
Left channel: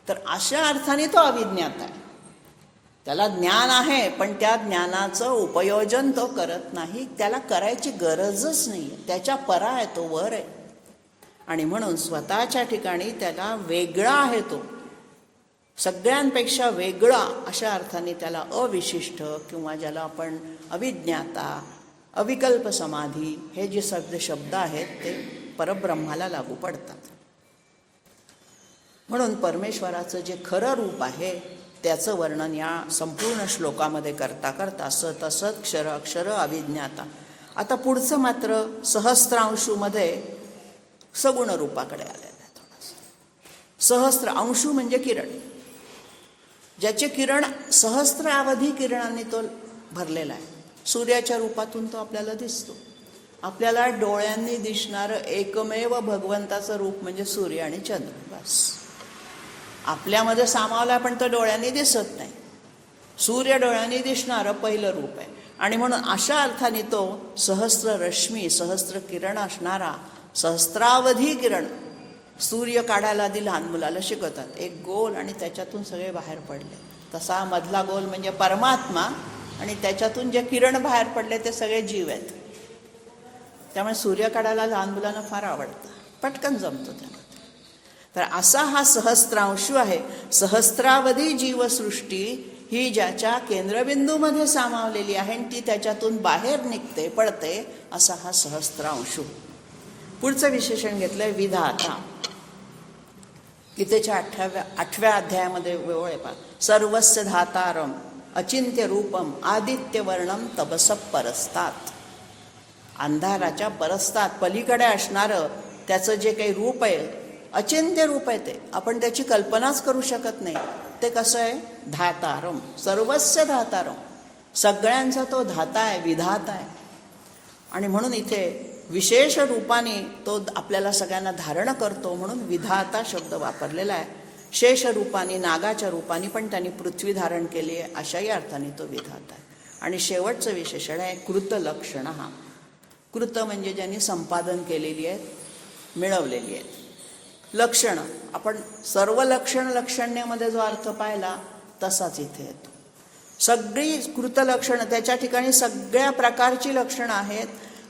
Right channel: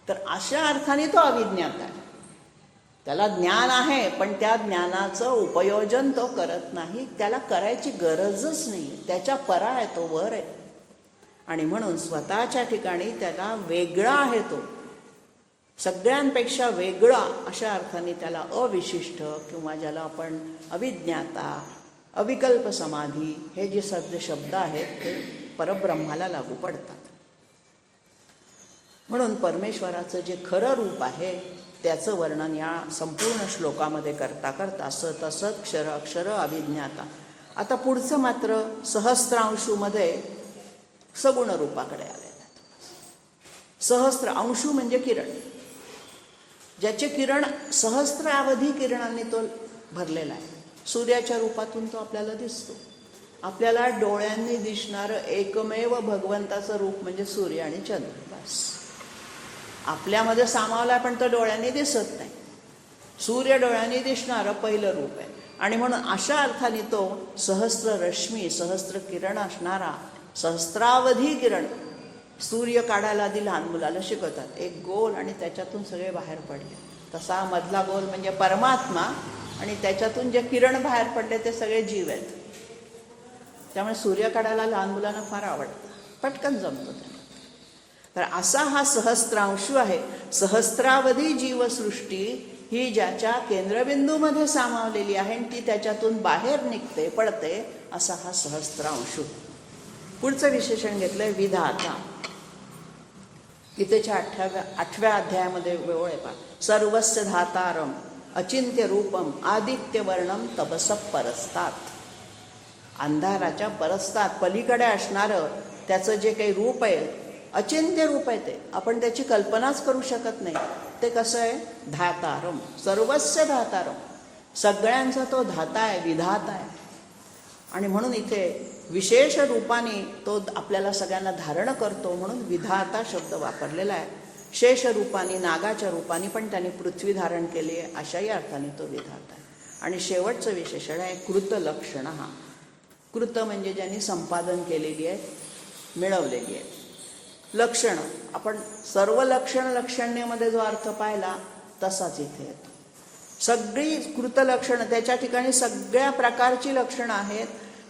तर अशा अर्थाने तो अविज्ञात आहे. त्याला ज्ञान आहे पण त्या ज्ञानाचं उपयोजन तो करत नाही, त्याला करायची गरजच नाही, त्याच्या परा आहे, तो वर आहे. आणि म्हणून स्वतःच्या ठिकाणी त्याला वेगळा आहे, तो सगळ्यांपेक्षा वेगळा. अशा अर्थाने त्याला अविशिष्ट किंवा ज्याला आपण अविज्ञाता, अविकल्प समाधी हे जे सगळे शब्द आहेत ते परब्रह्माला लागू पडतात. म्हणून परमेश्वराचं जे खरं रूप आहे त्याचं वर्णन या संपूर्ण श्लोकामध्ये करता करता सत असत, क्षर अक्षर, अविज्ञाता. आता पुढचं मात्र सहस्त्रांशूमध्ये सगुण रूपाकडे आलेलं आहे. सहस्त्र अंशू म्हणजे किरण, ज्याचे किरण सहस्त्रावधी किरणांनी तो भरलेला आहे. सूर्याच्या रूपातून तो आपल्याला दिसतो. आपल्याला डोळ्यांनी दिसणारं एकमेव भगवंताचं रूप म्हणजे सूर्य आणि चंद्र. बस आपल्यामध्ये सामावला पण तो डोळ्यांनी दिसत नाही. सूर्य डोळ्यांनी दिसणारं पहिलं रूप आहे. आणि म्हणून अशा अर्थाने तो सहस्त्र रश्मी, सहस्त्र किरण असणारा, सहस्त्रावधी किरण. सूर्य काढायला आधी लहान मुलाला शिकवतात, एक गोल आणि त्याच्यातून सगळे बाहेर पडले. तसा मधला गोल म्हणजे परमात्मा आणि त्याच्यातून जे किरण बाहेर पडले ते सगळे जीव आहेत. त्यामुळे सूर्य काढायला लहान मुलांना फार आवडतं, पटकन जमतो त्यांना. तर असा हा सहस्त्रांशू आहे. सहस्त्रावधी जीवसृष्टी ही ज्याच्या केंद्रबिंदूमध्ये सामावलेली आहे आणि ती त्याच्यातून बाहेर निघते, पडते, असा हा सहस्त्रांशू. पुढचं विशेषण घेतलंय विधाता. गीतेच्या 8व्या अध्यायामध्ये वेळ आहे पहा, सर्वस्य धातारम अचिंत्य रूपम आदित्यवर्णम तपसः परस्तात. अंधाराच्या परस्तात पलीकडे असणारं त्याचं जे काही रूप आहे, अचिंत्य रूप आहे, ते आपण त्याची कल्पनाच करू शकत नाही. ते कसं आहे? धातारम, सर्वस्य धातारम, सगळ्यांचा तो धाता आहे, विधाता आहे. आणि म्हणून इथे विशेष रूपाने तो आपल्याला सगळ्यांना धारण करतो, म्हणून विधाता शब्द वापरलेला आहे. शेष रूपाने, नागाच्या रूपाने पण त्यांनी पृथ्वी धारण केली आहे, अशाही अर्थाने तो विधाता आहे. आणि शेवटचं विशेषण आहे कृतलक्षण. हा कृत म्हणजे ज्यांनी संपादन केलेली आहेत, मिळवलेली आहेत. लक्षण, आपण सर्व लक्षण्यामध्ये जो अर्थ पाहिला तसाच इथे येतो. सगळी कृतलक्षणं, त्याच्या ठिकाणी सगळ्या प्रकारची लक्षणं आहेत.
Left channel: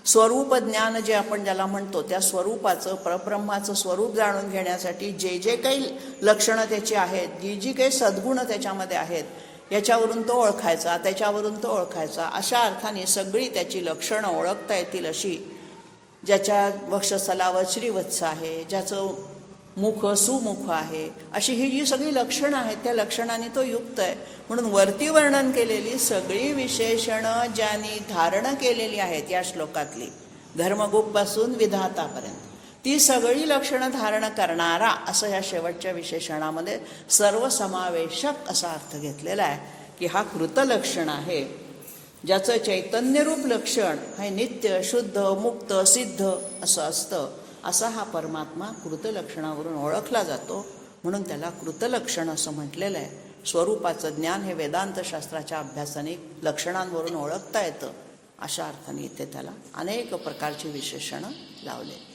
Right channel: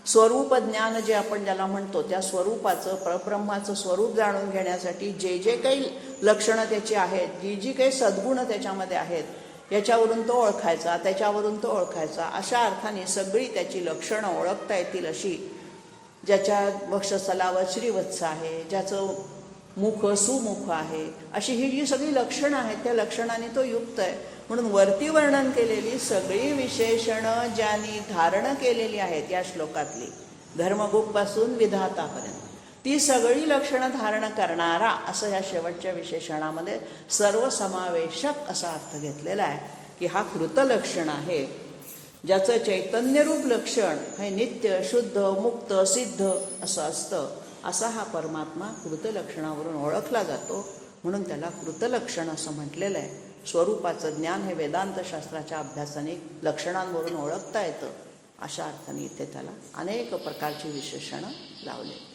स्वरूप ज्ञान जे आपण ज्याला म्हणतो, त्या स्वरूपाचं, परब्रह्माचं स्वरूप जाणून घेण्यासाठी जे जे काही लक्षणं त्याची आहेत, जी जी काही सद्गुणं त्याच्यामध्ये आहेत, याच्यावरून तो ओळखायचा, त्याच्यावरून तो ओळखायचा. अशा अर्थाने सगळी त्याची लक्षणं ओळखता येतील अशी, ज्याच्या वक्षस्थलावर श्रीवत्स आहे, ज्याचं मुख सुमुख आहे, अशी ही जी सगळी लक्षणं आहेत, त्या लक्षणाने तो युक्त आहे. म्हणून वरती वर्णन केलेली सगळी विशेषणं ज्यांनी धारण केलेली आहेत या श्लोकातली, धर्मगुप्तपासून विधातापर्यंत, ती सगळी लक्षणं धारण करणारा असं या शेवटच्या विशेषणामध्ये सर्वसमावेशक असा अर्थ घेतलेला आहे की हा कृतलक्षण आहे, ज्याचं चैतन्यरूप लक्षण हे नित्य, शुद्ध, मुक्त, सिद्ध असं असतं. असा हा परमात्मा कृतलक्षणावरून ओळखला जातो, म्हणून त्याला कृतलक्षण असं म्हटलेलं आहे. स्वरूपाचं ज्ञान हे वेदांतशास्त्राच्या अभ्यासाने लक्षणांवरून ओळखता येतं, अशा अर्थाने इथे त्याला अनेक प्रकारची विशेषणं लावले.